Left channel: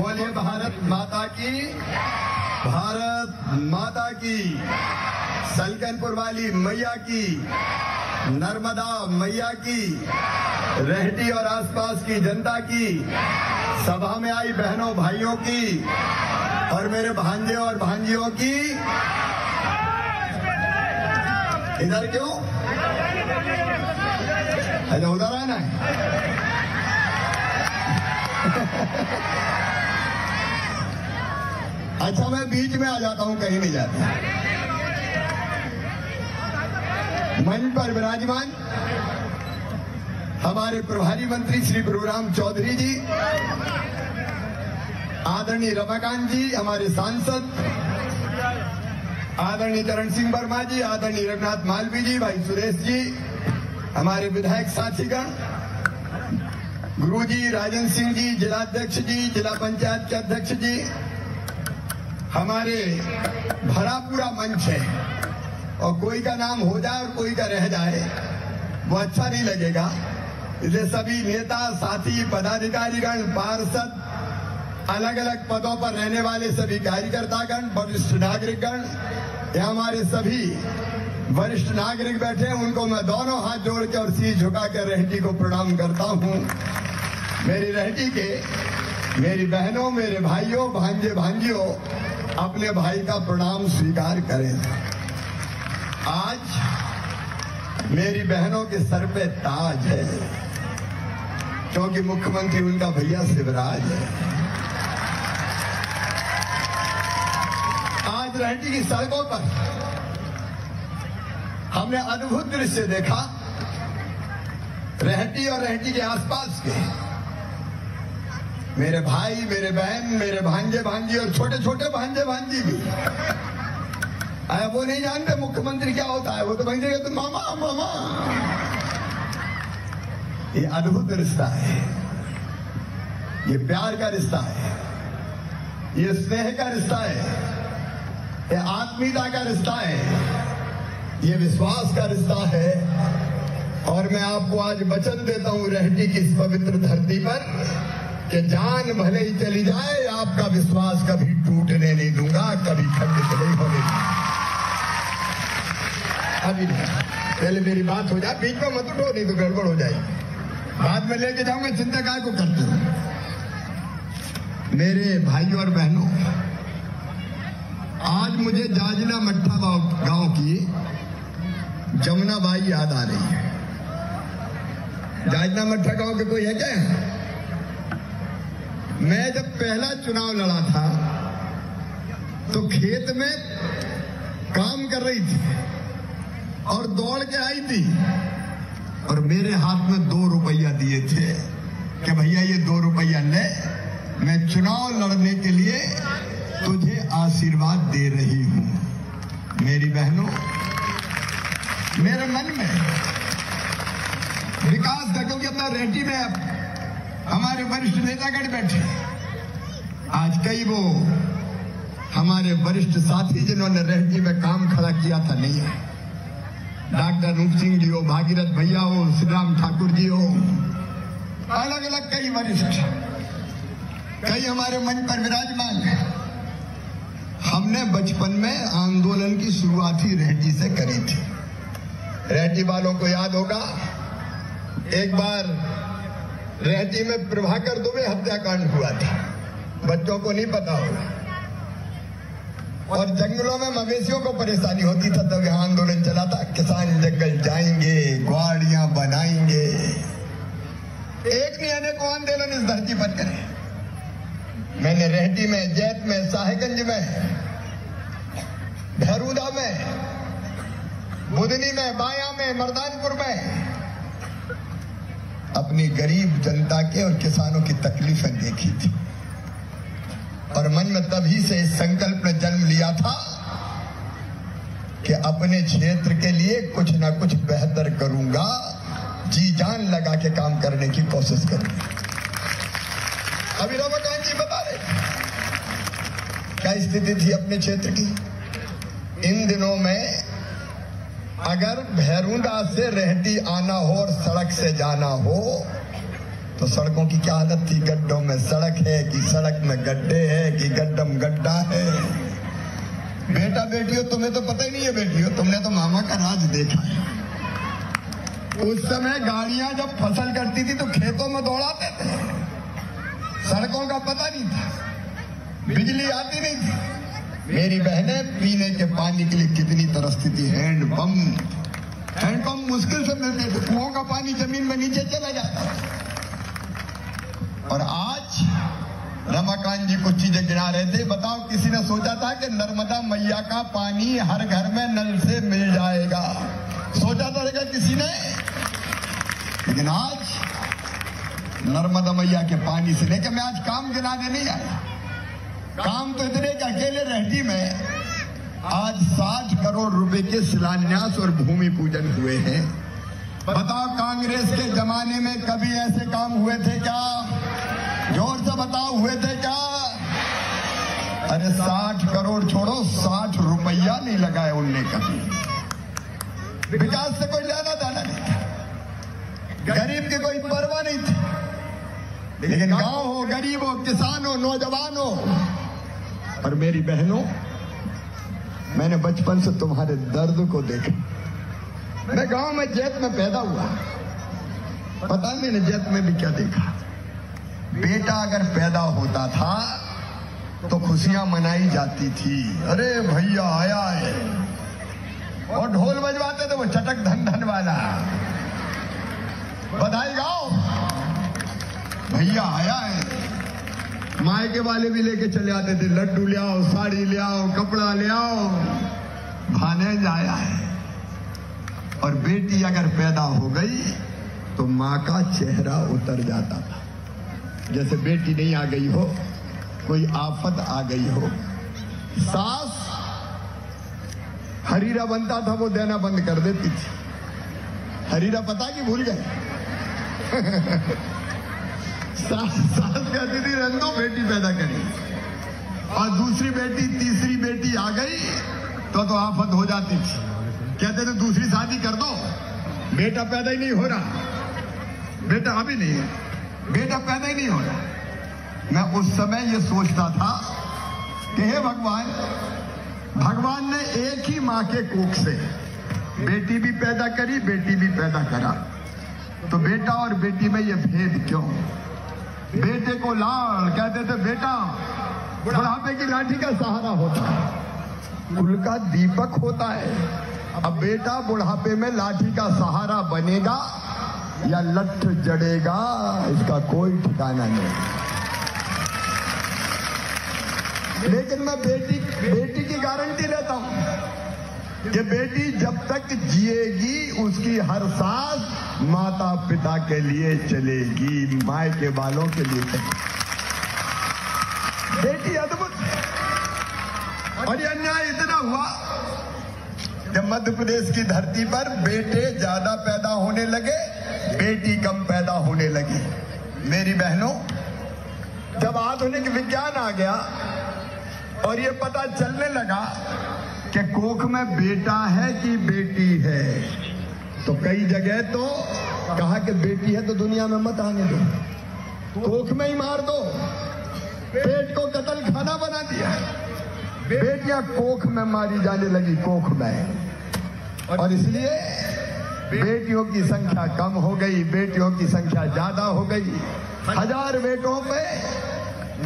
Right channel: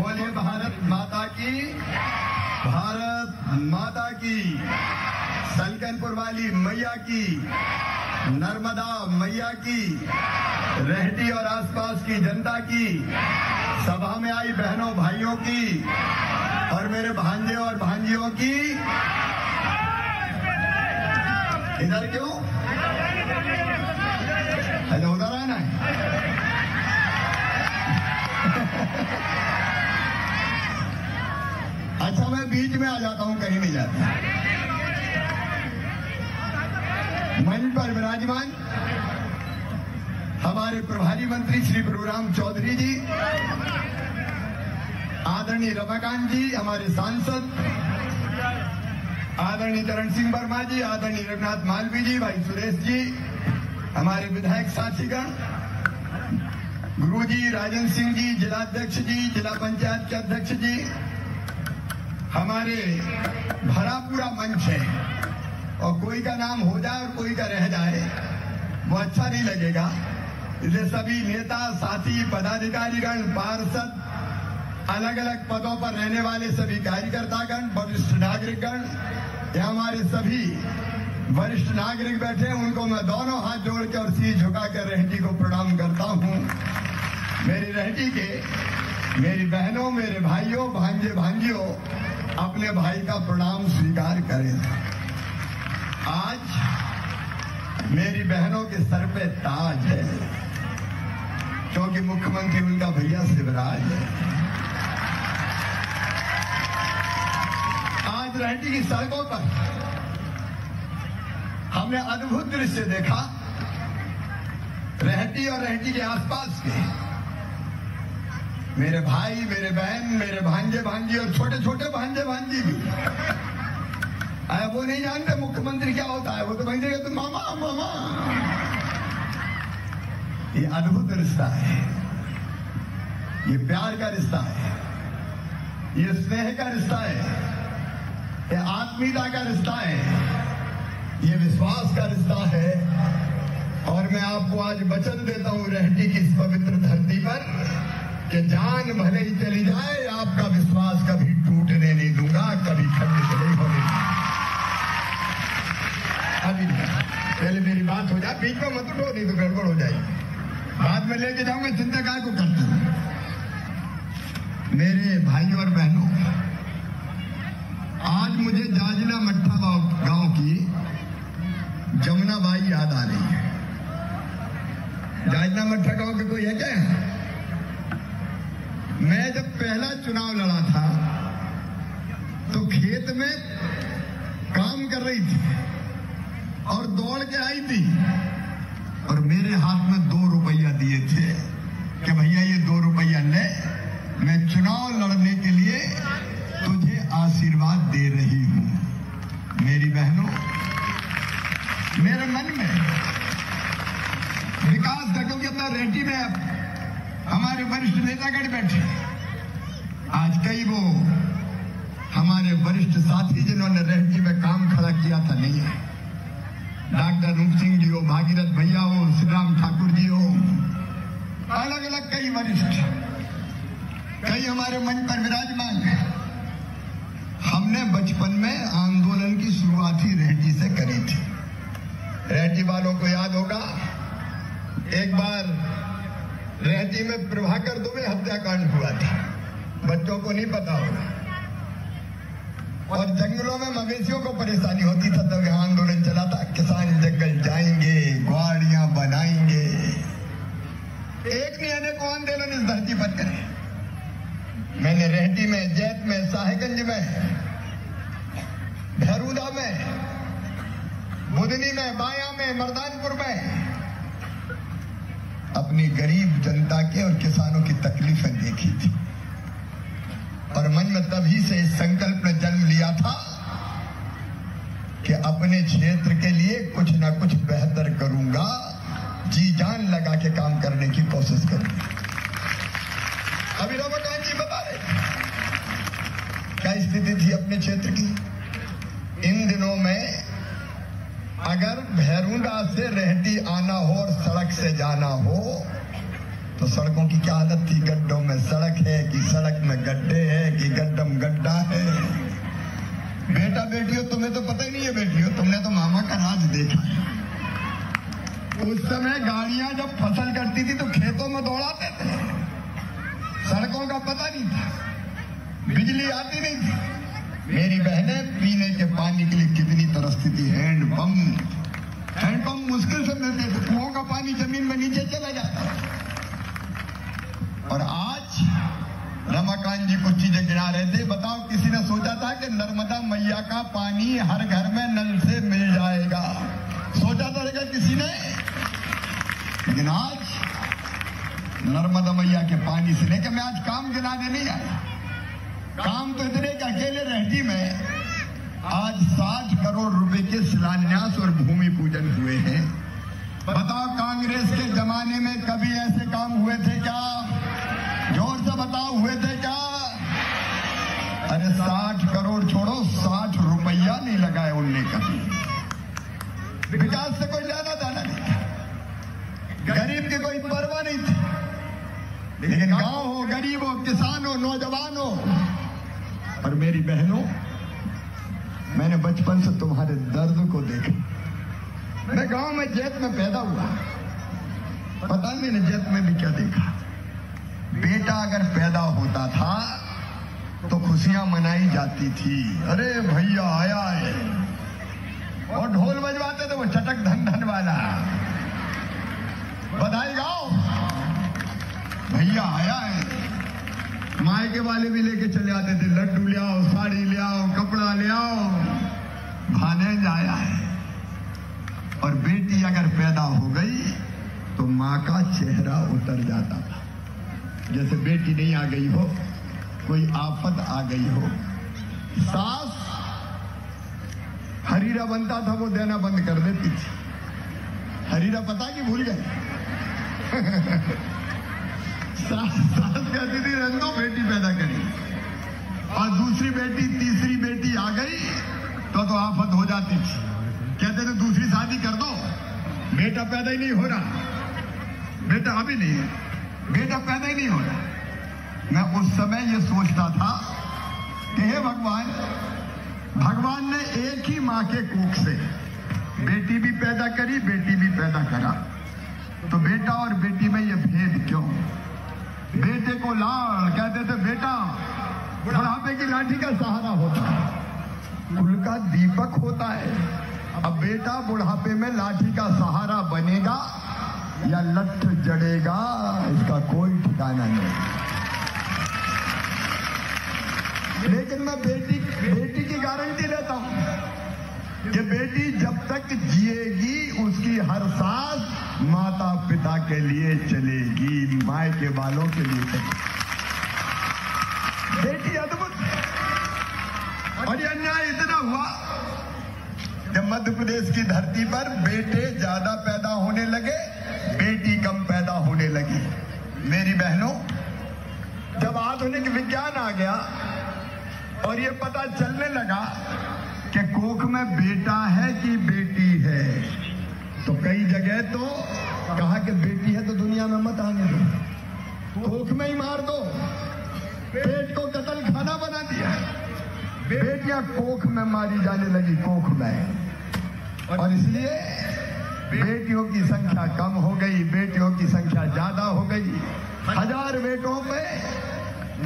बोले भारत माता की, भारत माता की, सलकनपुर वाली मैया की, नर्मदा मैया की, रेहटी और आसपास की जनता की, सभा में आई बहनों भाइयों की और मेरे भांजे और भांजियों की। इधर क्यों? अरे उधर है ना। अच्छा, मैं बीच में आ जाता हूं, कहीं नहीं जाता। मंच पर विराजमान हमारे प्रभारी मंत्री श्री प्रभुराम चौधरी जी, आदरणीय रमाकांत जी, हमारे सांसद आदरणीय चरण सिंह वर्मा जी, आदरणीय रघुनाथ मालवी जी, भाई सुरेश जी, हमारे विधायक साथीगण, गुरु जी, राजेंद्र सिंह जी, जिलाध्यक्ष जी, जिला पंचायत के अध्यक्ष जी, हमारे भरा पूरा मंच है। और कोई का नाम हो जाए और कोई का रह जाए वो अच्छा नहीं लगेगा। ये सभी नेता साथी पदाधिकारीगण, पार्षद, अलग अलग पदों पर रहने वाले सभी कार्यकर्तागण, वरिष्ठ नागरिकगण, यहाँ हमारे सभी वरिष्ठ नागरिक बैठे हैं, उनको मैं दोनों हाथ जोड़कर सिर झुकाकर रेहटी को प्रणाम करता हूँ। मेरी रेहटी के मेरी बहनों, मेरे भाइयों, भांजे भांजियों, अपने भाई का प्रणाम स्वीकार करें। आज मेरी बहनों के सर पे ताज है, क्योंकि मुख्यमंत्री उनका भैया शिवराज है। आज रेहटी की सड़कों पर हमने अद्भुत दृश्य देखा। रेहटी और रेहटी के आसपास के मेरे भाई, मेरे बहन, मेरे भांजे भांजी और छोटे छोटे भांजे भांजी भी, वो नहीं जानते मुख्यमंत्री क्या होता है। वो तो भाई तो मामा मामा। ये अद्भुत रिश्ता है, ये प्यार का रिश्ता है, ये स्नेह का रिश्ता है, ये आत्मीयता का रिश्ता है, ये विश्वास का रिश्ता है। और मैं आपको आज वचन देता हूं रेहटी की इस पवित्र धरती पर कि जान भले ही चली जाए, आपका विश्वास कभी टूटने नहीं दूंगा, कभी खंडित नहीं होने। अभी पहले मेरी बात हो जाए, बीच में मत उठो, नहीं तो गड़बड़ हो जाएगी। बाद में लेके जाऊंगा, चिंता काय को करती हूँ। मेरे भाइयों और बहनों, आज मुझे जाजना मट्ठा गांव की जमुना बाई याद आ रही है। जाजना मट्ठा गांव के कोई है क्या? मैं जब पहला चुनाव लड़ा था तो खेत में काम कर रही थी और दौड़ के आई थी और मेरे हाथ में 2 रुपया दिए थे कि भैया ये 2 रुपया ले, मैं चुनाव लड़ने के लिए तुझे आशीर्वाद दे रही हूं। मेरी बहनों, मेरे मन में विकास देखो, जब रेहटी में हमारे वरिष्ठ नेतागण बैठे, आज कई वो हमारे वरिष्ठ साथी जिन्होंने रेहटी में काम खड़ा किया था नहीं है। डॉक्टर रूप सिंह जी हो, भागीरथ भैया हो, श्रीराम ठाकुर जी हो, अलग अलग कई वरिष्ठ, कई हमारे मंच पर विराजमान है। हमने बचपन में आंदोलन की शुरुआत ही रेहटी से करी थी। रेहटी वालों को याद होगा, एक बार रेहटी में प्रभाकर दुबे हत्याकांड हुआ था, बच्चों को नहीं पता होगा। और जंगलों में मवेशियों को परेशानी होती थी, तब यहाँ आंदोलन चला था, किसान जंगल जाएंगे, ग्वाड़ियां बनाएंगे। एक नहीं अनेकों आंदोलन इस धरती पर करे। मैंने रेहटी में, जैत में, साहेबगंज में, भरूदा में, बुधनी में, बाया में, मर्दानपुर में अपनी गरीब जनता के और किसानों की तकलीफें देखी थी। और मन में तभी से इस संकल्प ने जन्म लिया था कि अपने क्षेत्र के लिए कुछ न कुछ बेहतर करूंगा, जी जान लगा के काम करने की कोशिश करूंगा। अभी रमाकांत जी बता रहे क्या स्थिति थी अपने क्षेत्र की। इन दिनों में अगर भैरूंडा से रेहटी आना हो और सड़क से जाना हो तो सड़कों की क्या हालत थी? गड्ढों में सड़क है कि सड़क में गड्ढे है कि गड्ढम गड्ढा है। बेटा बेटियों, तुम्हें तो पता नहीं है बेटियों, तुमने तो मामा का राज देखा। उस समय गाड़ियां जब फसल करती थी तो खेतों में दौड़ाते थे, सड़कों का पता नहीं था, बिजली आती नहीं थी। मेरी बहनें पीने के पानी के लिए कितनी परिस्थिति, हैंडपंप मुश्किल से मिलती थी, कुओं का पानी जमीन में नीचे चला जाता। और आज रमाकांत जी कुछ चीजें गिना रहे थे। बताओ, किसी ने सोचा था कि नर्मदा मैया का पानी हर घर में नल से मिल जाएगा? सोचा था किसी ने? लेकिन आज नर्मदा मैया के पानी से लेकर, मैं आज काम गिनाने नहीं आया, काम तो इतने के अकेले रहती में आज 60 करोड़ रुपए के शिलान्यास और भूमि पूजन हुए हैं। बताओ, कांग्रेस के जमाने में कभी ऐसे काम हुए थे क्या? जोर से बताओ, हुए थे क्या? अरे 60 करोड़ छोड़ो, 60 रुपया नहीं लगाया उनने कभी। विकास से कोई लेना देना नहीं, गरीब की कोई परवाह नहीं थी। लेकिन गांव हो, गरीब हो, किसान हो, नौजवान हो और मेरी बहनों, मैंने बचपन से तुम्हारे दर्द को देखा। मैं गांव में जैत में पैदा हुआ, पता मैंने जैत में भी क्या देखा। बेटा अगर पैदा होता था तो खुशियां मनाई जाती थी, अरे भैया आया है, और ढोल बजवाते थे वो चटक धन धन वाला, बधाई गाओ भैया आया है। मायके वाले भी लेके चले आते थे, लड्डू ले आओ, साड़ी ले आओ, कपड़ा ले आओ, भानेज आया है। और बेटी अगर पैदा हो गई तो माँ का चेहरा उतर जाता था, जैसे बेटी नहीं आ गई हो, कोई आफत आ गई हो। सास हरीरा बनता था, वो देना बंद कर देती थी। हरीरा पता कि भूल गए। सास कहती थी रंदो, बेटी पैदा करी, और दूसरी बेटी तीसरी बेटी आ गई तो आफत हो जाती थी। कहते थे दूसरी शादी कर दो, बेटा पैदा ही नहीं हो रहा, बेटा अभी नहीं, बेटा पैदा ही नहीं हो रहा। मैं उस समय ये सोचता था कि हे भगवान, भगवान ने एक ही माँ के कोख से बेटी भी पैदा करी, बेटी भी पैदा करा, तो बेटा और बेटी में ये भेद क्यों? बेटे को लाड़ कहते थे, बेटा बुढ़ापे की लाठी का सहारा होता है, कुल का दीपक होता है। अब बेटा बुढ़ापे में लाठी का सहारा बनेगा या लठ जड़ेगा, इसका कोई ठिकाना नहीं। लेकिन मैं बेटी की गारंटी लेता हूं कि बेटी जब तक जिएगी उसकी हर सांस माता पिता के लिए चलेगी, माए के बालों के लिए चलेगी। बेटी अद्भुत। और ये अन्याय इतना हुआ कि मध्य प्रदेश की धरती पर बेटे ज्यादा पैदा होने लगे, बेटी कम पैदा होने लगी। मेरी बहनों, जब आधुनिक विज्ञान आ गया और ये पता चलने लगा कि कोख में बेटा है कि बेटी है, तो कई जगह तो कहा कि बेटी है तो दुनिया में मत आने दो, कोख में ही मार दो। पेट को कतल खाना बना दिया, बेटियां कोख में मारी जाने लगी, कोख में। और इसलिए बेटियों की संख्या कम हो गई, बेटियों की संख्या ज्यादा हो गई। 1000 बेटों में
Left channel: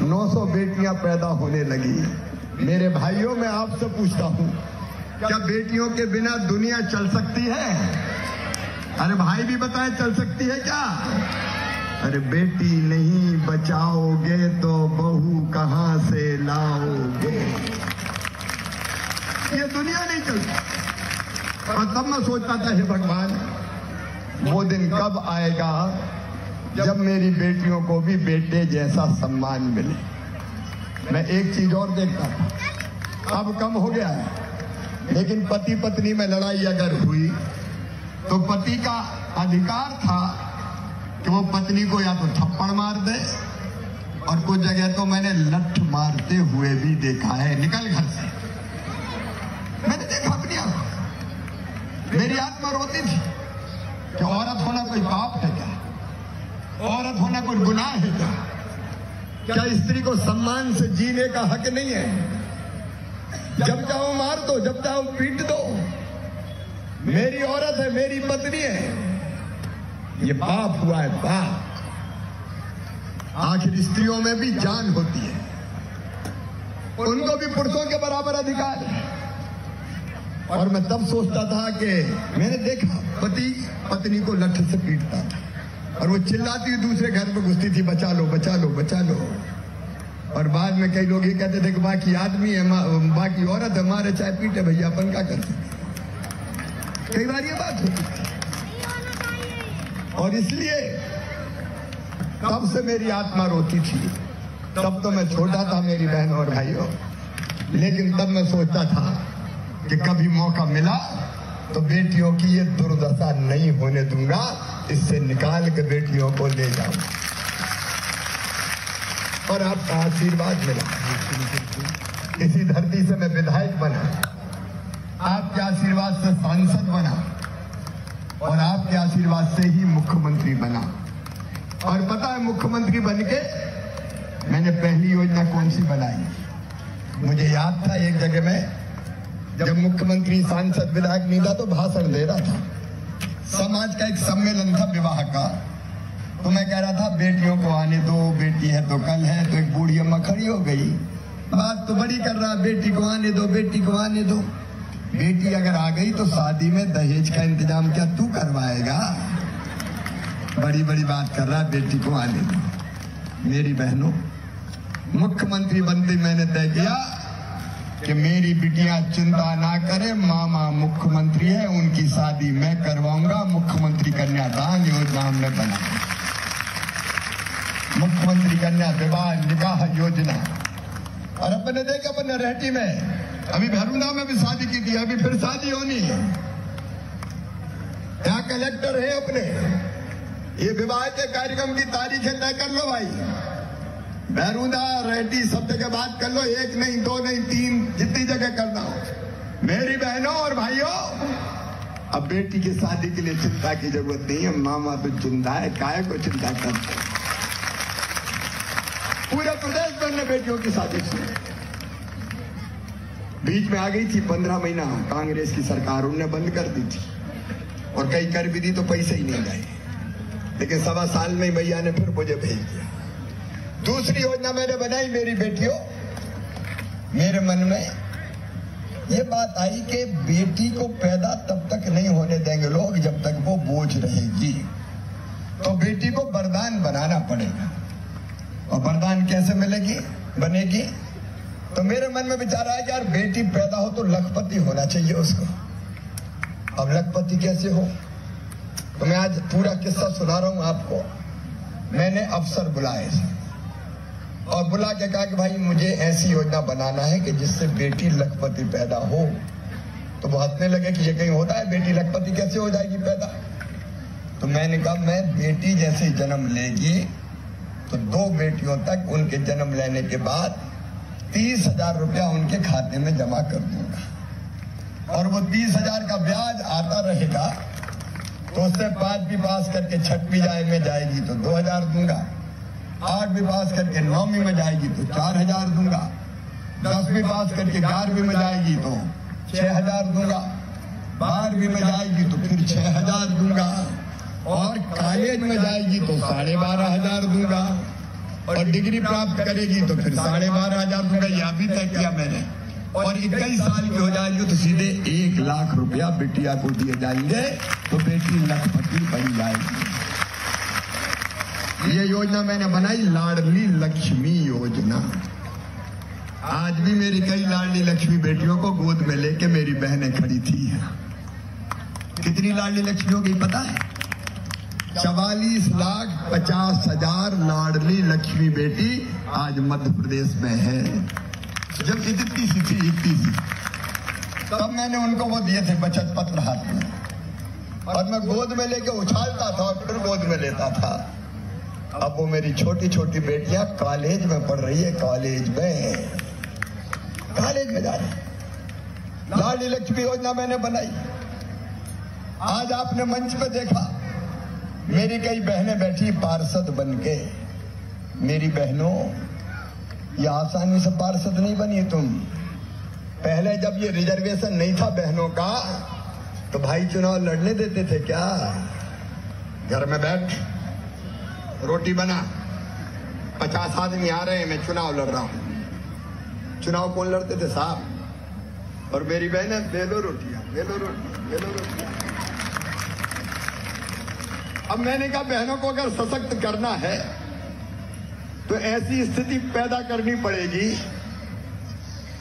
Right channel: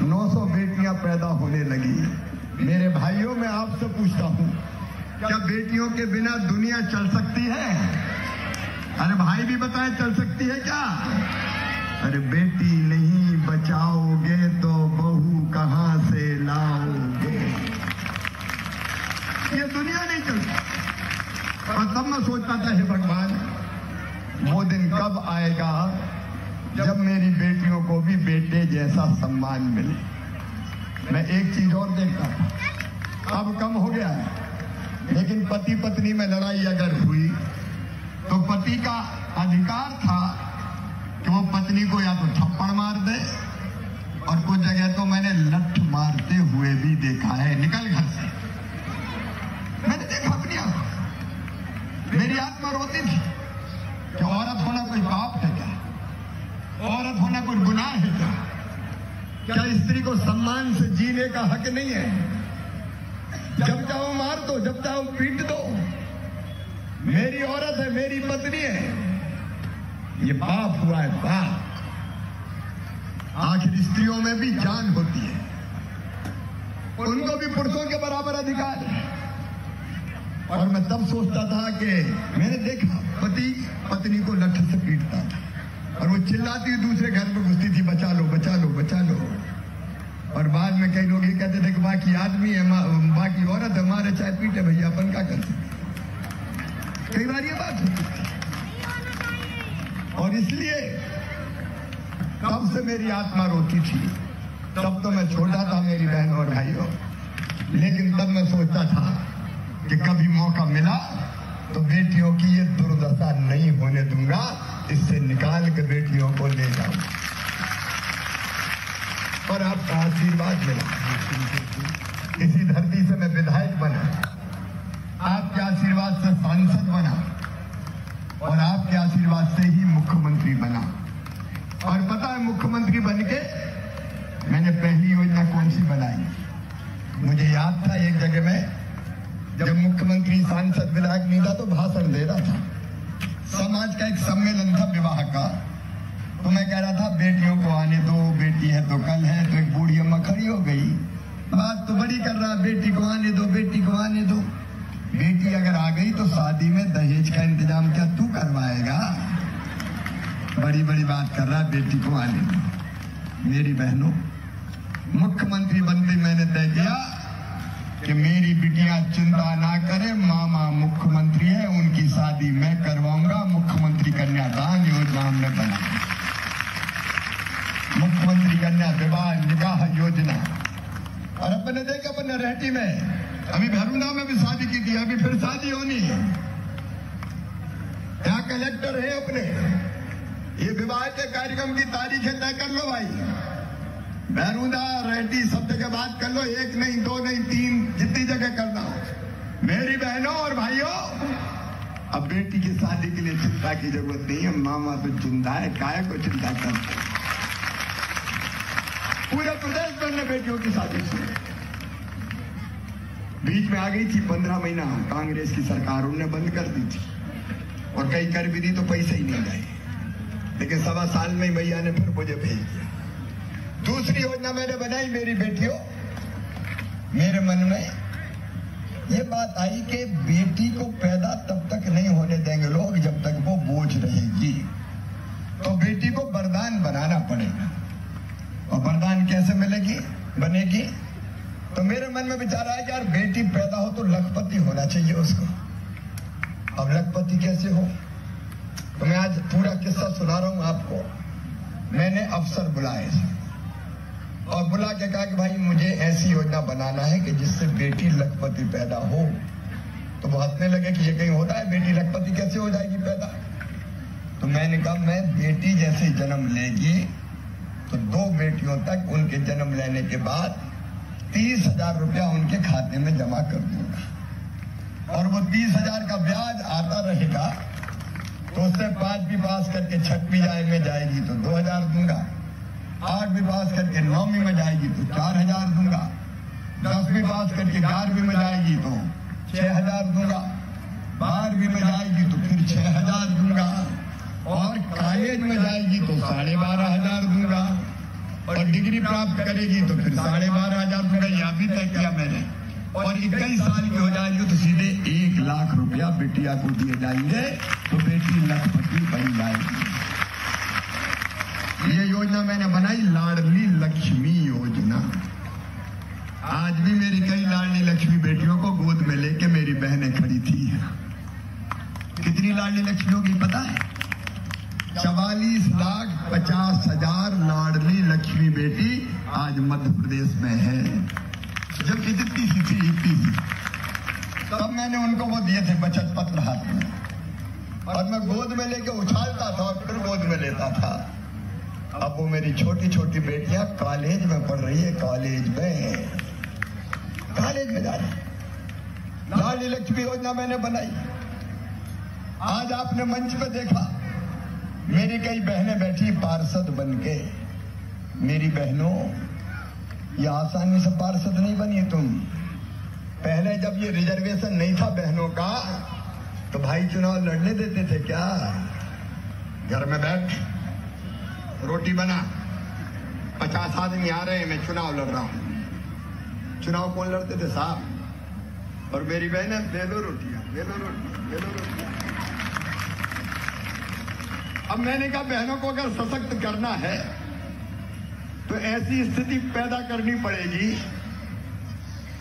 900 बेटियां पैदा होने लगी। मेरे भाइयों, मैं आपसे पूछता हूं, क्या बेटियों के बिना दुनिया चल सकती है? अरे भाई भी बताए, चल सकती है क्या? अरे बेटी नहीं बचाओगे तो बहू कहां से लाओगे? ये दुनिया नहीं चलती। और तब मैं सोचता था, हे भगवान, वो दिन कब आएगा जब मेरी बेटियों को भी बेटे जैसा सम्मान मिले। मैं एक चीज और देखता था, अब कम हो गया है, लेकिन पति पत्नी में लड़ाई अगर हुई तो पति का अधिकार था कि वो पत्नी को या तो थप्पड़ मार दे, और कुछ जगह तो मैंने लठ मारते हुए भी देखा है। निकल घर से, मैंने देखा अपनी आंखों। मेरी आत्मा रोती थी कि औरत होना कोई पाप है क्या? औरत होना कोई सम्मान से जीने का हक नहीं है। जब चाहो मार दो, जब चाहो पीट दो। मेरी औरत है, मेरी पत्नी है, ये बाप हुआ है बाप। आखिर स्त्रियों में भी जान होती है, उनको भी पुरुषों के बराबर अधिकार है। और मैं तब सोचता था कि मैंने देखा पति पत्नी को लट्ठे से पीटता था और वो चिल्लाती दूसरे घर में घुसती थी, बचा लो बचा लो बचा लो। और बाद में कई लोग ये कहते थे कि बाकी आदमी है, बाकी औरत हमारे चाहे पीटे भैया, अपन क्या करते। कई बार ये बात होती थी और इसलिए तब से मेरी आत्मा रोती थी। तब तो मैं छोटा था मेरी बहनों और भाइयों, लेकिन तब मैं सोचता था कि कभी मौका मिला तो बेटियों की ये दुर्दशा नहीं होने दूंगा, इससे निकाल के बेटियों को ले जाऊंगा। और आपका आशीर्वाद मिला, इसी धरती से मैं विधायक बना, आपके आशीर्वाद से सांसद बना और आपके आशीर्वाद से ही मुख्यमंत्री बना। और पता है मुख्यमंत्री बनके मैंने पहली योजना कौन सी बनाई? मुझे याद था एक जगह में जब मुख्यमंत्री सांसद विधायक नहीं था तो भाषण दे रहा था, समाज का एक सम्मेलन था विवाह का, तो मैं कह रहा था बेटियों को आने दो, बेटी है तो कल है। तो एक बूढ़ी अम्मा खड़ी हो गई, बात तो बड़ी कर रहा, बेटी को आने दो, बेटी को आने दो। बेटी अगर आ गई तो शादी में दहेज का इंतजाम क्या तू करवाएगा? बड़ी बड़ी बात कर रहा, बेटी को आने दो। मेरी बहनों, मुख्यमंत्री बनते मैंने तय किया कि मेरी बिटिया चिंता ना करे, मामा मुख्यमंत्री है, उनकी शादी मैं करवाऊंगा। मुख्यमंत्री कन्यादान योजना हमने बनाई, मुख्यमंत्री कन्या विवाह योजना। और अपने देखा अपने रहती में अभी भरुंडा में भी शादी की थी, अभी फिर शादी होनी है। क्या कलेक्टर है अपने, ये विवाह के कार्यक्रम की तारीख तय कर लो भाई। भरुंडा रेड्डी सब जगह बात कर लो, एक नहीं दो नहीं तीन, जितनी जगह करना हो। मेरी बहनों और भाइयों, अब बेटी की शादी के लिए चिंता की जरूरत नहीं है, मामा तो चिंता है, काय को चिंता करते। पूरे प्रदेश भर में बेटियों की शादी की। बीच में आ गई थी 15 महीना कांग्रेस की सरकार, उन्होंने बंद कर दी थी और कई कर भी दी तो पैसे ही नहीं गए, लेकिन 1.25 साल में भैया ने फिर मुझे भेज दिया। दूसरी योजना मैंने बनाई, मेरी बेटियों, मेरे मन में ये बात आई कि बेटी को पैदा तब तक नहीं होने देंगे लोग जब तक वो बोझ रहेगी, तो बेटी को वरदान बनाना पड़ेगा। और वरदान कैसे मिलेगी बनेगी? तो मेरे मन में विचार आया यार बेटी पैदा हो तो लखपति होना चाहिए उसको। अब लखपति कैसे हो? तो मैं आज पूरा किस्सा सुना रहा हूं आपको। मैंने अफसर बुलाए थे और बुला के कहा कि भाई मुझे ऐसी योजना बनाना है कि जिससे बेटी लखपति पैदा हो। तो वो हंसने लगे कि ये कहीं होता है, बेटी लखपति कैसे हो जाएगी पैदा? तो मैंने कहा मैं बेटी जैसे जन्म लेगी तो 2 बेटियों तक उनके जन्म लेने के बाद 30,000 रुपया उनके खाते में जमा कर दूंगा और वो 30,000 का ब्याज आता रहेगा। तो उससे 5वीं पास करके 6वीं में जाएगी तो 2,000 दूंगा, 8वीं पास करके 9वीं में जाएगी तो 4,000 दूंगा, 10वीं पास करके 11वीं में जाएगी तो 6,000 दूंगा, 12वीं में जाएगी तो फिर 6,000 दूंगा और कॉलेज में जाएगी तो 12,500 दूंगा और डिग्री प्राप्त करेगी तो फिर 12,500 दूंगा। यह भी तय किया मैंने। और 21 साल की हो जाएगी तो सीधे 1 लाख रुपया बिटिया को दिए जाएंगे तो बेटी लखपति बन जाएगी। ये योजना मैंने बनाई, लाडली लक्ष्मी योजना। आज भी मेरी कई लाडली लक्ष्मी बेटियों को गोद में लेके मेरी बहनें खड़ी थी। कितनी लाडली लक्ष्मी हो गई पता है? 44,50,000 लाडली लक्ष्मी बेटी आज मध्य प्रदेश में है। जब इतनी सी थी तब मैंने उनको वो दिए थे बचत पत्र हाथ में और मैं गोद में लेके उछालता था और फिर गोद में लेता था। अब वो मेरी छोटी छोटी बेटियां कॉलेज में पढ़ रही है, कॉलेज में जा रही। लाडली लक्ष्मी योजना मैंने बनाई। आज आपने मंच पे देखा मेरी कई बहनें बैठी पार्षद बनके। मेरी बहनों, ये आसानी से पार्षद नहीं बनी तुम। पहले जब ये रिजर्वेशन नहीं था बहनों का तो भाई चुनाव लड़ने देते थे क्या? घर में बैठ, रोटी बना, 50 आदमी आ रहे हैं, मैं चुनाव लड़ रहा हूं। चुनाव कौन लड़ते थे साहब? और मेरी बहनें दे दो रोटियां, दे दो रोटियां, दे दो रोटियां। अब मैंने कहा बहनों को अगर सशक्त करना है तो ऐसी स्थिति पैदा करनी पड़ेगी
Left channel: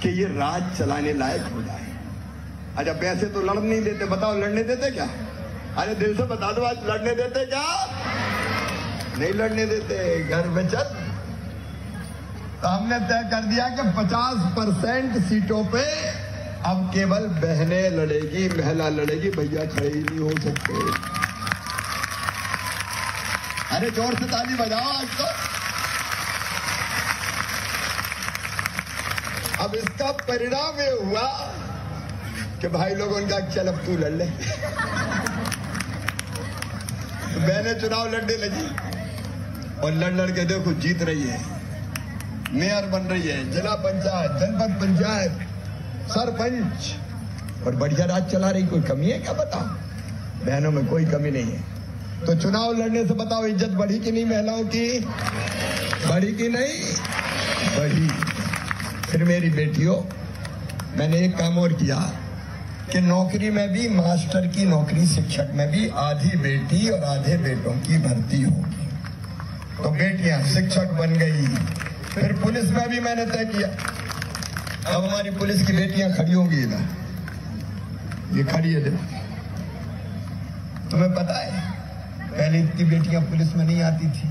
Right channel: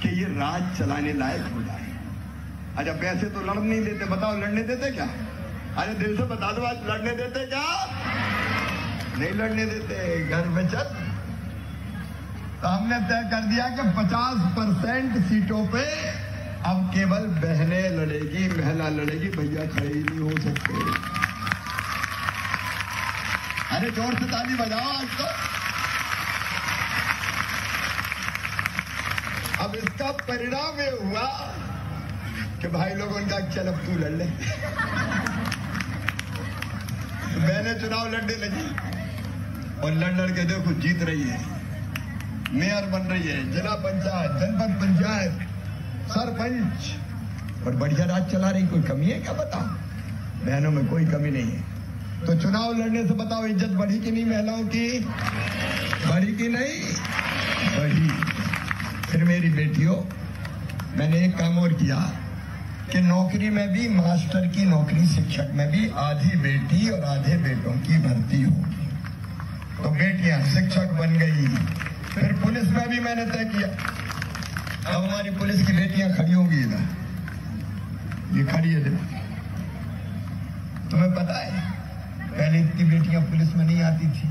कि ये राज चलाने लायक हो जाए। अच्छा पैसे तो लड़ नहीं देते, बताओ लड़ने देते क्या? अरे दिल से बता दो, आज लड़ने देते क्या? नहीं लड़ने देते। घर में चल। तो हमने तय कर दिया कि 50% सीटों पे अब केवल बहनें लड़ेगी, महिला लड़ेगी, भैया खड़े ही नहीं हो सकते। अरे जोर से ताली बजाओ आज तो। अब इसका परिणाम ये हुआ कि भाई लोगों ने चल अब तू लड़ ले। बहनें चुनाव लड़ने लगी और लड़ के देखो जीत रही है, मेयर बन रही है, जिला पंचायत, जनपद पंचायत, सरपंच, और बढ़िया राज चला रही। कोई कमी है क्या? बता, बहनों में कोई कमी नहीं है। तो चुनाव लड़ने से बताओ इज्जत बढ़ी कि नहीं महिलाओं की? बढ़ी कि नहीं? बढ़ी। फिर मेरी बेटियों, मैंने एक काम और किया कि नौकरी में भी, मास्टर की नौकरी, शिक्षक में भी आधी बेटी और आधे बेटों की भर्ती होगी। तो बेटियां शिक्षक बन गई। फिर पुलिस में भी मैंने तय किया, अब हमारी पुलिस की बेटियां खड़ी होंगी ना, ये खड़ी है। तुम्हें पता है पहले इतनी बेटियां पुलिस में नहीं आती थी।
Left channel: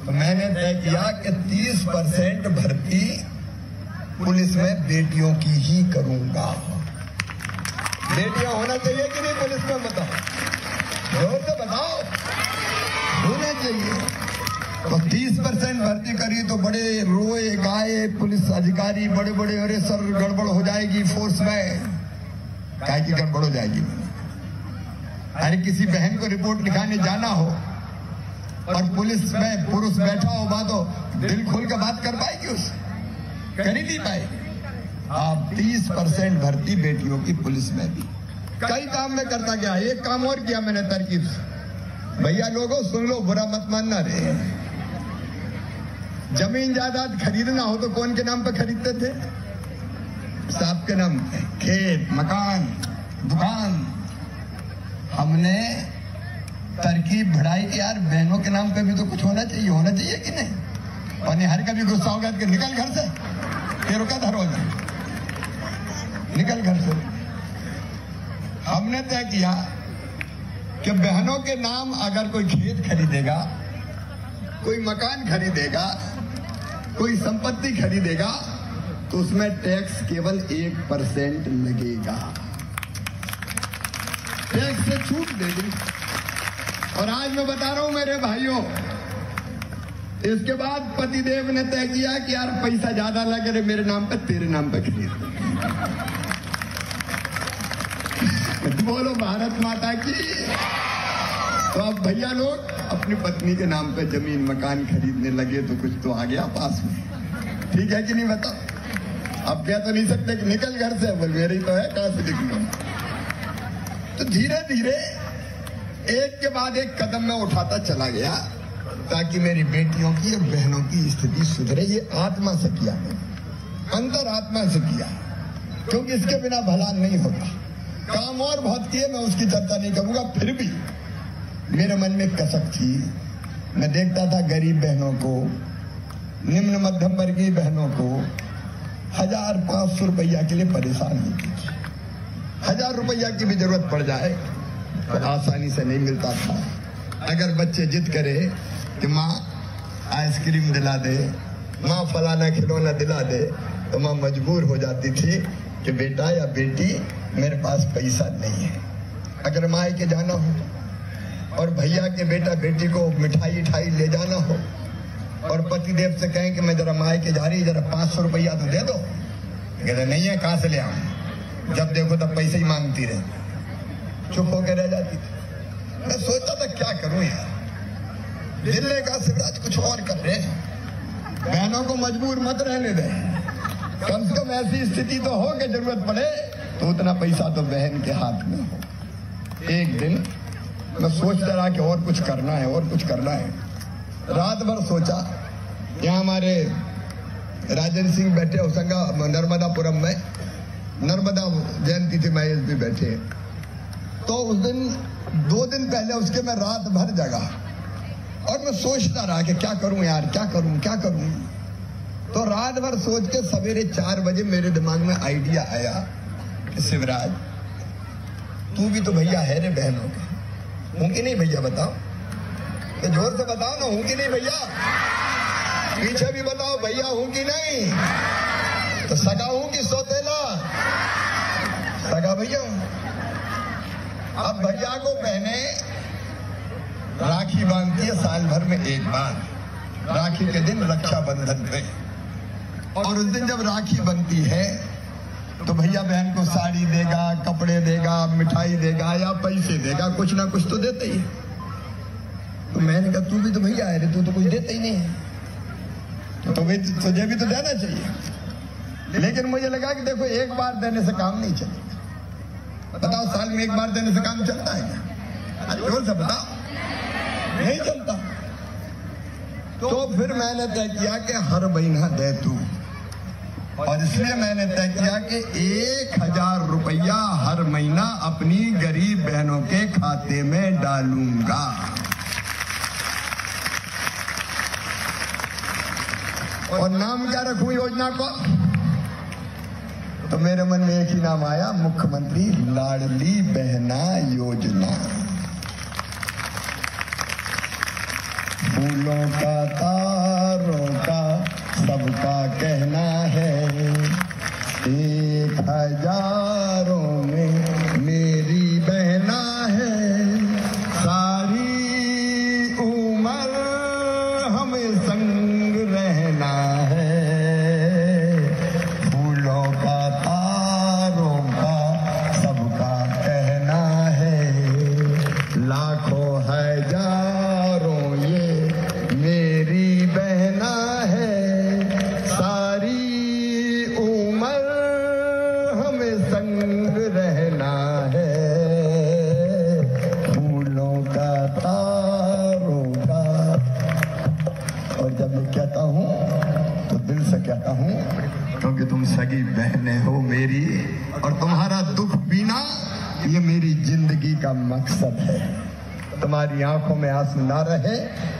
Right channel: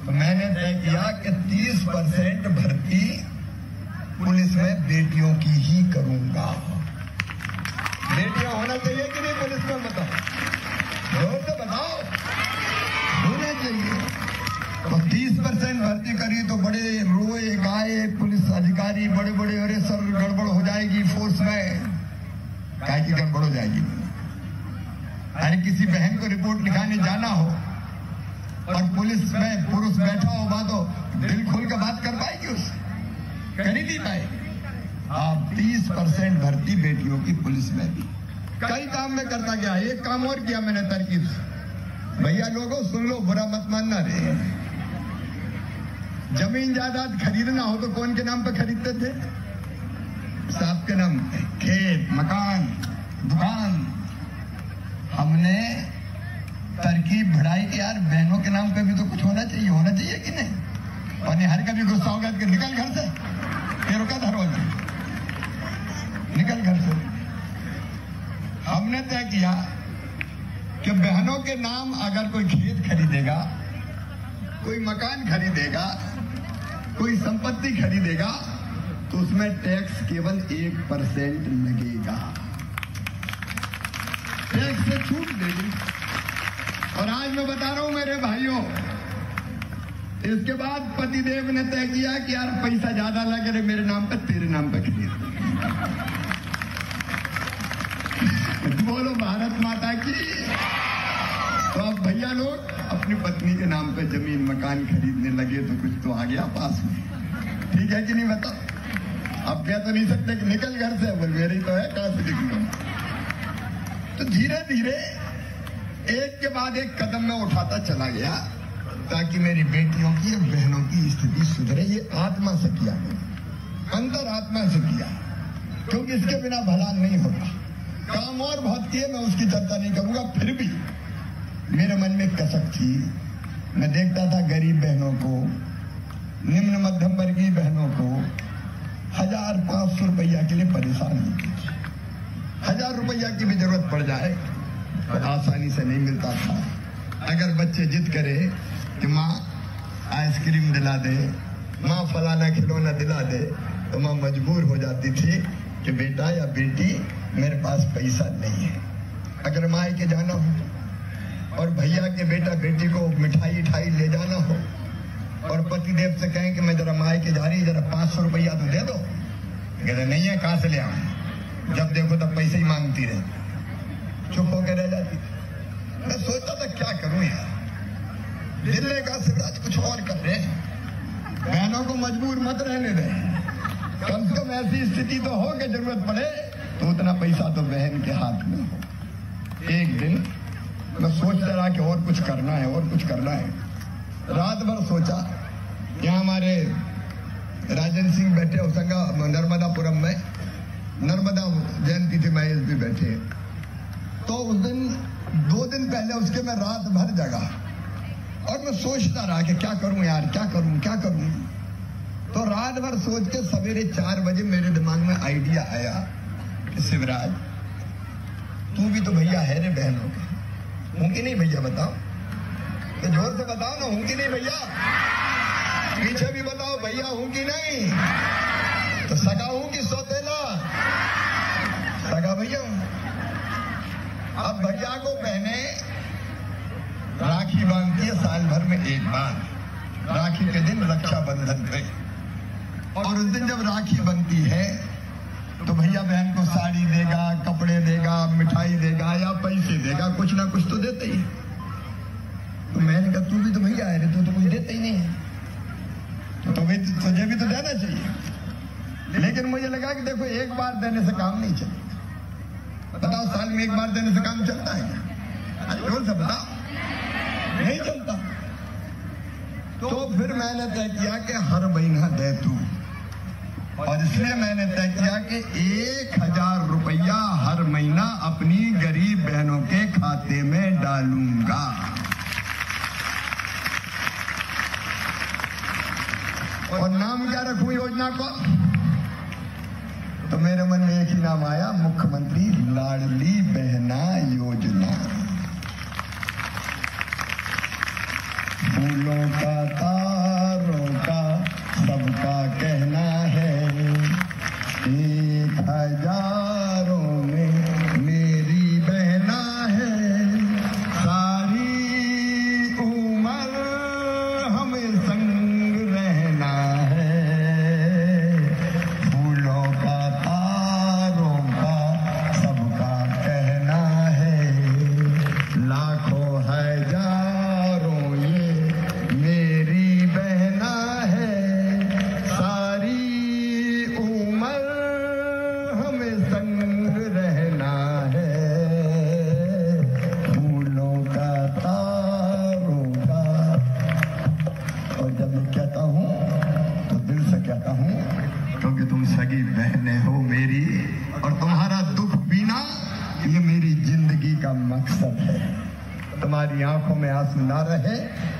तो मैंने तय किया कि 30% भर्ती पुलिस में बेटियों की ही करूंगा। बेटियां होना चाहिए कि नहीं पुलिस में? बताओ, जोर से बताओ, होना चाहिए। तो 30% भर्ती करी तो बड़े रोए गाए पुलिस अधिकारी, बड़े बड़े, अरे सर गड़बड़ हो जाएगी फोर्स में। क्या की गड़बड़ हो जाएगी? अरे किसी बहन को रिपोर्ट लिखाने जाना हो और पुलिस में पुरुष बैठा होगा तो दिल खोल कर बात कर पाएगी? उससे कर ही नहीं पाएगी। आप 30% भर्ती बेटियों की पुलिस में दी। कई काम में करता गया। एक काम और किया मैंने तरकीब से। भैया लोगों सुन लो, बुरा मत मानना रे। जमीन जायदाद खरीदना हो तो कौन के नाम पे खरीदते थे? साहब के नाम पे। खेत, मकान, दुकान। हमने तरकीब ढाई कि यार बहनों के नाम पे भी तो कुछ होना चाहिए। होना चाहिए कि नहीं? और हर कभी गुस्सा होगा कि निकल घर से, तेरे का धरो, निकल घर से। हमने तय किया कि बहनों के नाम अगर कोई खेत खरीदेगा, कोई मकान खरीदेगा, कोई संपत्ति खरीदेगा तो उसमें टैक्स केवल 1% लगेगा। टैक्स से छूट देगी। और आज मैं बता रहा हूं मेरे भाइयों, इसके बाद पतिदेव ने तय किया कि यार पैसा ज्यादा लगे रे मेरे नाम पे, तेरे नाम पे खरीद। बोलो भारत माता की। तो अब भैया लोग अपनी पत्नी के नाम पे जमीन मकान खरीदने लगे तो कुछ तो आ गया पास में। ठीक है कि नहीं? बता। अब क्या तो नहीं सकते कि निकल घर से, बोल मेरी तो है, कहां से निकलूं? तो धीरे धीरे एक के बाद एक कदम में उठाता चला गया ताकि मेरी बेटियों की और बहनों की स्थिति सुधरे। ये आत्मा से किया मैंने, अंतर आत्मा से किया, क्योंकि इसके बिना भला नहीं होता। काम और बहुत किए, मैं उसकी चर्चा नहीं करूंगा। फिर भी मेरे मन में कसक थी। मैं देखता था गरीब बहनों को, निम्न मध्यम वर्गीय बहनों को 1000-500 रुपया के लिए परेशान होती थी। 1000 रुपया की भी जरूरत पड़ जाए तो आसानी से नहीं मिलता था। अगर बच्चे जिद करे कि माँ आइसक्रीम दिला दे, माँ फलाना खिलौना दिला दे, तो माँ मजबूर हो जाती थी कि बेटा या बेटी मेरे पास पैसा नहीं है। अगर माँ के जाना हो और भैया के बेटा बेटी को मिठाई उठाई ले जाना हो और पतिदेव से कहें कि मैं जरा माँ के जा रही, जरा 500 रुपया तो दे दो, मेरा नहीं है, कहां से ले आऊं? जब देखो तब पैसे ही मांगती रहे, चुप होकर रह जाती थी। मैं सोचता था क्या करूं यार, दिल्ली का सिद्धांत कुछ और कर रहे हैं। बहनों को मजबूर मत रहने कम से कम ऐसी स्थिति तो हो कि जरूरत पड़े तो उतना पैसा तो बहन के हाथ में हो। एक दिन मैं सोचता रहा कि और कुछ करना है, और कुछ करना है। रात भर सोचा। यहाँ हमारे राजेंद्र सिंह बैठे होसंगा नर्मदापुरम में, नर्मदा जयंती थी, मैं भी बैठे। तो उस दिन 2 दिन पहले उसके मैं रात भर जगा और मैं सोचता रहा कि क्या करूं यार, क्या करूं, क्या करूं। तो रात भर सोच के सवेरे 4 बजे मेरे दिमाग में आइडिया आया, शिवराज तू भी तो भैया है रे बहनों का, हूं कि नहीं भैया? बताओ, जोर से बताओ ना, हूं कि नहीं भैया? पीछे भी बताओ भैया हूं कि नहीं? तो सगा हूं कि सौतेला? सगा भैया हूं। अब भैया को बहने राखी बांधती है साल भर में एक बार। राखी के दिन रक्षाबंधन है, और उस दिन जब राखी बनती है तो भैया बहन को साड़ी देगा, कपड़े देगा, मिठाई देगा या पैसे देगा, कुछ ना कुछ तो देते ही। तो मैंने कहा तू भी तो भैया है, तू तो कुछ देते ही नहीं, तो तुझे भी तो देना चाहिए। लेकिन मुझे लगा कि देखो एक बार देने से काम नहीं चलता। बताओ साल में एक बार देने से काम चलता है? जोर से बता, नहीं चलता। तो फिर मैंने तय किया कि हर महीना दे तू, और इसलिए मैंने तय किया कि 1000 रुपया हर महीना अपनी गरीब बहनों के खाते में डालूंगा। और नाम क्या रखूं योजना को? तो मेरे मन में एक ही नाम आया, मुख्यमंत्री लाडली बहना योजना। फूलों का तारों का सबका कहना है, 1000 में मेरी बहना है, सारी उम्र हमें संग रहना है। फूलों का तारों का सबका कहना है, लाखों हजारों ये मेरी बहना है, सारी उम्र हमें संग रहना है। फूलों का तारों का। और जब मैं कहता हूँ तो दिल से कहता हूँ, क्योंकि तुम सगी बहनें हो मेरी, और तुम्हारा दुख पीना ये मेरी जिंदगी का मकसद है। तुम्हारी आंखों में आंसू ना रहे,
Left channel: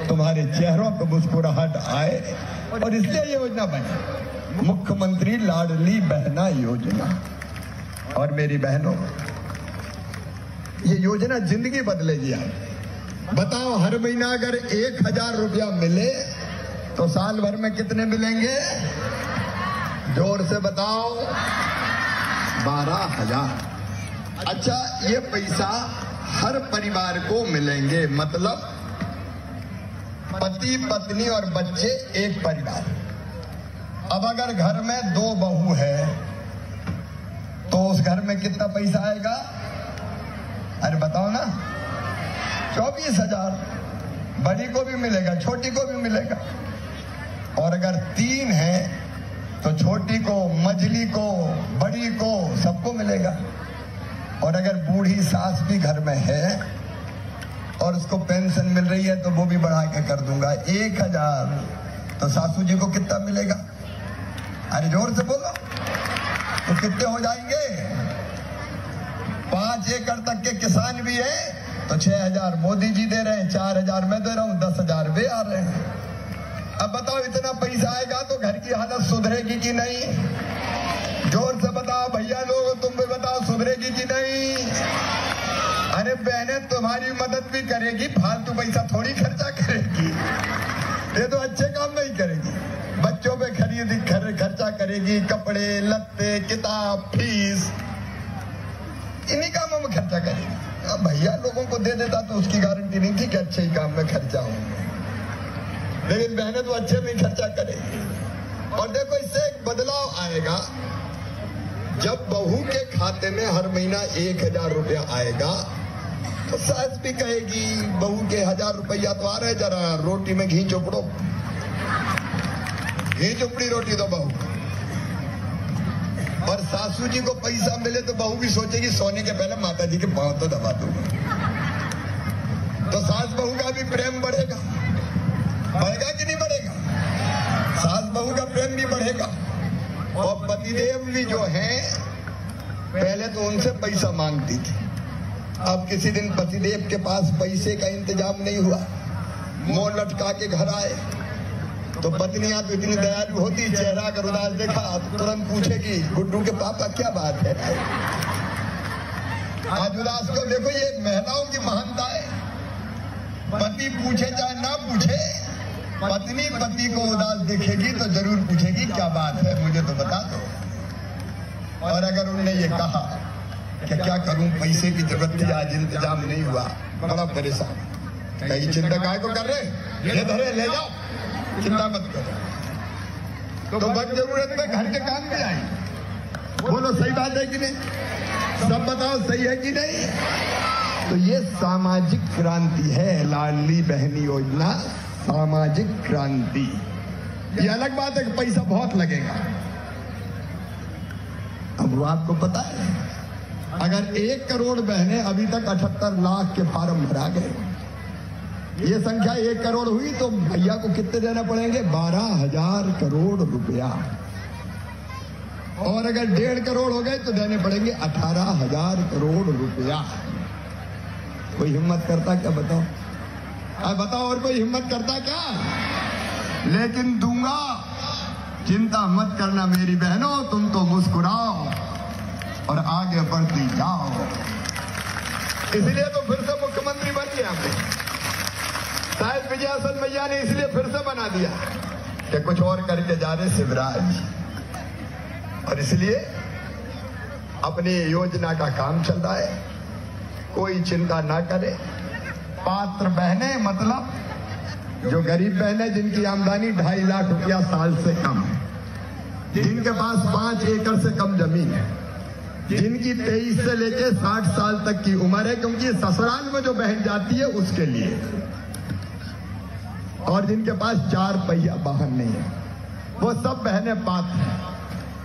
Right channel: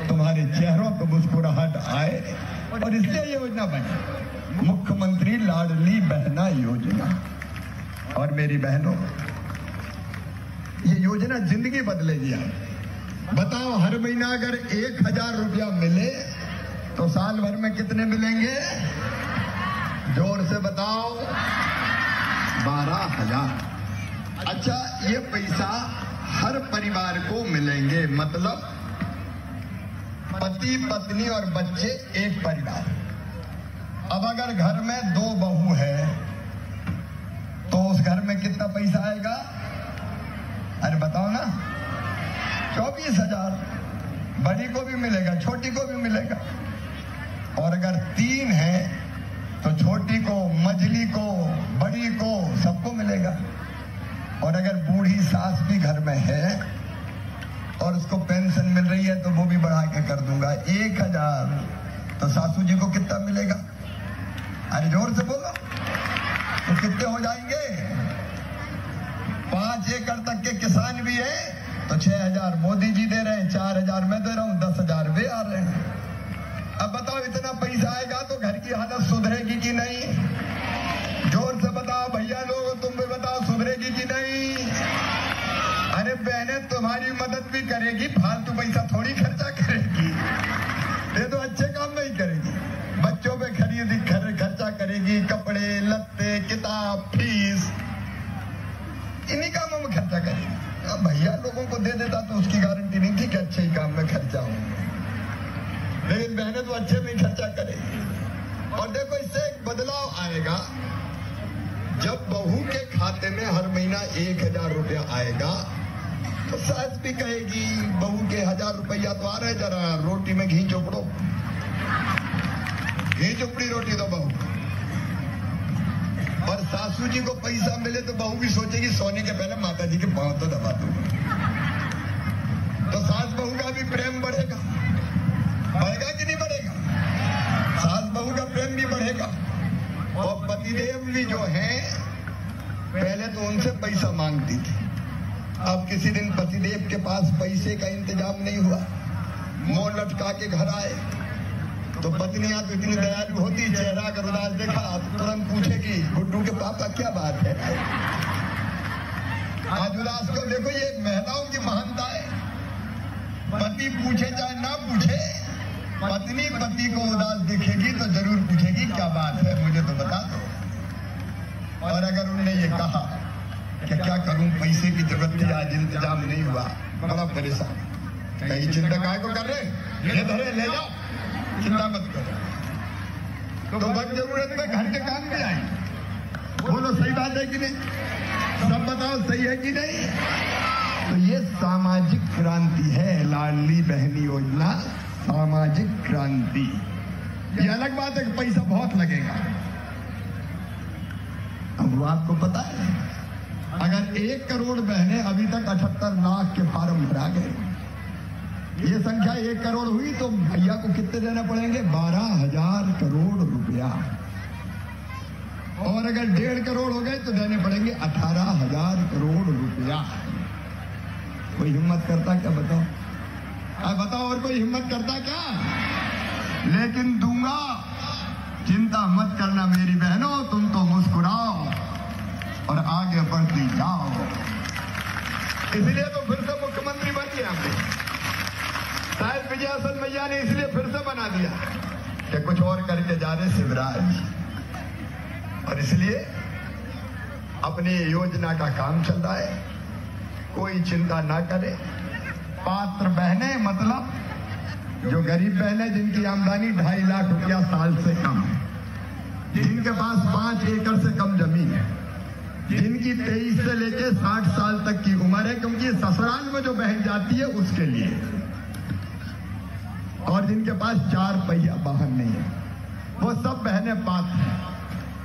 तुम्हारे चेहरों पर मुस्कुराहट आए, और इसलिए योजना बनी मुख्यमंत्री लाडली बहना योजना। और मेरी बहनों, ये योजना जिंदगी बदलेगी। बताओ हर महीना अगर 1000 रुपया मिले तो साल भर में कितने मिलेंगे? जोर से बताओ, 12,000। अच्छा, ये पैसा हर परिवार को मिलेंगे, मतलब पति पत्नी और बच्चे एक परिवार। अब अगर घर में 2 बहू है तो उस घर में कितना पैसा आएगा? अरे बताओ ना, 24,000। बड़ी को भी मिलेगा, छोटी को भी मिलेगा। और अगर 3 है तो छोटी को, मझली को, बड़ी को, सबको मिलेगा। और अगर बूढ़ी सास भी घर में है और उसको पेंशन मिल रही है तो वो भी बढ़ा के कर दूंगा 1000। तो सासू जी को कितना मिलेगा? अरे जोर से बोलो, तो कितने हो जाएंगे? 5 एकड़ तक के किसान भी है तो 6000 मोदी जी दे रहे हैं, 4000 मैं दे रहा हूं, 10,000 वे आ रहे हैं। अब बताओ इतना पैसा आएगा तो घर की हालत सुधरेगी कि नहीं? जोर से बताओ भैया लोग, तुम भी बताओ, सुधरेगी कि नहीं? अरे बहनें तुम्हारी मदद भी करेगी, फालतू पैसा थोड़ी खर्चा करेगी, ये तो अच्छे काम नहीं करेगी। बच्चों पे खर्चा करेगी, कपड़े लत्ते किताब फीस, इन्हीं कामों में खर्चा करेगी। अब भैया लोगों को दे देता तो उसकी गारंटी नहीं थी कि अच्छे ही काम में खर्चा हो, लेकिन बहनें तो अच्छे में खर्चा करेगी। और देखो इससे एक बदलाव आएगा, जब बहू के खाते में हर महीना 1000 रुपया आएगा तो सास भी कहेगी बहू के 1000 रुपया तो आ रहे, जरा रोटी में घी चोपड़ो, घी चोपड़ी रोटी दो बहू। सासू जी को पैसा मिले तो बहू भी सोचेगी सोने के पहले माता जी के पांव तो दबा दूं, तो सास बहू का भी प्रेम बढ़ेगा, बढ़ेगा कि नहीं बढ़ेगा? सास बहू का प्रेम भी बढ़ेगा। और पतिदेव जी जो है पहले तो उनसे पैसा मांगती थी, अब किसी दिन पतिदेव के पास पैसे का इंतजाम नहीं हुआ, मुंह लटका के घर आए तो पत्नियां तो इतनी दयालु होती, चेहरा अगर उदास देखा तुरंत पूछेगी गुड्डू के पापा क्या बात है? आज उदास को देखो, ये महिलाओं की महानता है। पति पूछे चाहे ना पूछे, पत्नी पति को उदास देखेगी तो जरूर पूछेगी क्या बात है, मुझे तो बता दो। और अगर उन्होंने ये कहा कि क्या करूं, पैसे की जरूरत थी, आज इंतजाम नहीं हुआ, बड़ा परेशान, कहीं चिंता काय को कर रहे, ये धरे ले जाओ, चिंता मत करो, तो वक्त जरूरत में घर के काम में आई। बोलो सही बात है कि नहीं? सब बताओ सही है कि नहीं? तो ये सामाजिक क्रांति है, लाडली बहन योजना सामाजिक क्रांति। ये अलग बात है कि पैसा बहुत लगेगा। अब वो आपको पता है, अगर 1 करोड़ बहनें अभी तक 78 लाख के फार्म भरा गए, ये संख्या 1 करोड़ हुई तो भैया को कितने देना पड़ेंगे? 12,000 करोड़ रुपया। और अगर 1.5 करोड़ हो गए तो देने पड़ेंगे 18,000 करोड़ रुपया। कोई हिम्मत करता क्या? बताओ, अब बताओ, और कोई हिम्मत करता क्या? लेकिन दूंगा, चिंता मत करना मेरी बहनों, तुम तो मुस्कुराओ और आगे बढ़ती जाओ। इसलिए तो फिर से मुख्यमंत्री बन गया, शायद विजयासन भैया ने इसलिए फिर से बना दिया कि कुछ और करके जा रहे शिवराज, और इसलिए अपनी योजना का काम चल रहा है, कोई चिंता ना करे। पात्र बहनें मतलब जो गरीब बहनें जिनकी आमदनी 2.5 लाख रुपया साल से कम, जिनके पास 5 एकड़ से कम जमीन है, जिनकी 23 से लेकर 60 साल तक की उम्र है, क्योंकि ससुराल में जो बहन जाती है उसके लिए, और जिनके पास 4 पहिया वाहन नहीं है, वो सब बहनें पात्र हैं।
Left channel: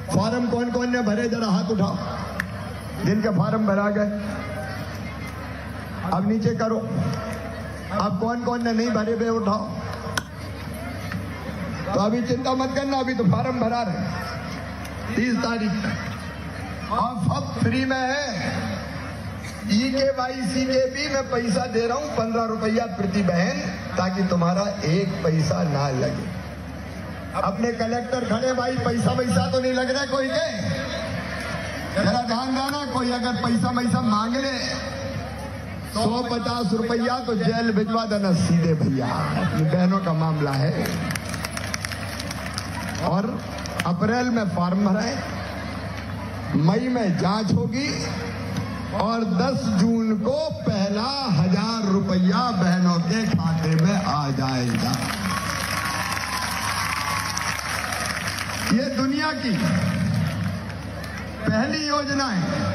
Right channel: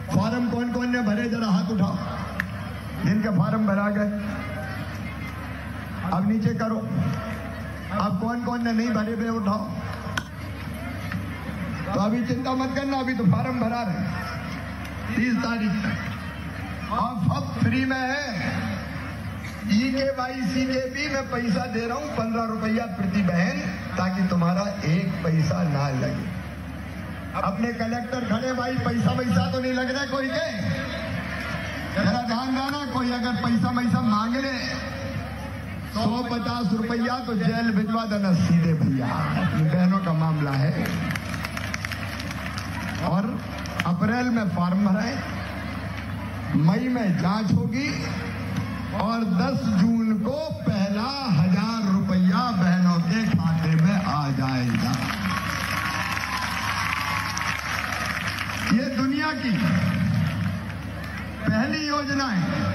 फॉर्म कौन कौन ने भरे, जरा हाथ उठाओ जिनके फॉर्म भरा गए। अब नीचे करो, अब कौन कौन ने नहीं भरे वे उठाओ। तो अभी चिंता मत करना, अभी तो फॉर्म भरा रहे 30 तारीख तक, और सब फ्री में है। EKYC के भी मैं पैसा दे रहा हूं 15 रुपया प्रति बहन, ताकि तुम्हारा 1 पैसा ना लगे। अपने कलेक्टर खड़े, भाई पैसा तो नहीं लग रहा कोई के, जरा ध्यान देना, कोई अगर पैसा मांग ले 150 रुपया तो जेल भिजवा देना सीधे भैया, ये बहनों का मामला है। और अप्रैल में फॉर्म भरे, मई में जांच होगी, और 10 जून को पहला 1000 रुपया बहनों के खाते में आ जाएगा। ये दुनिया की पहली योजना है,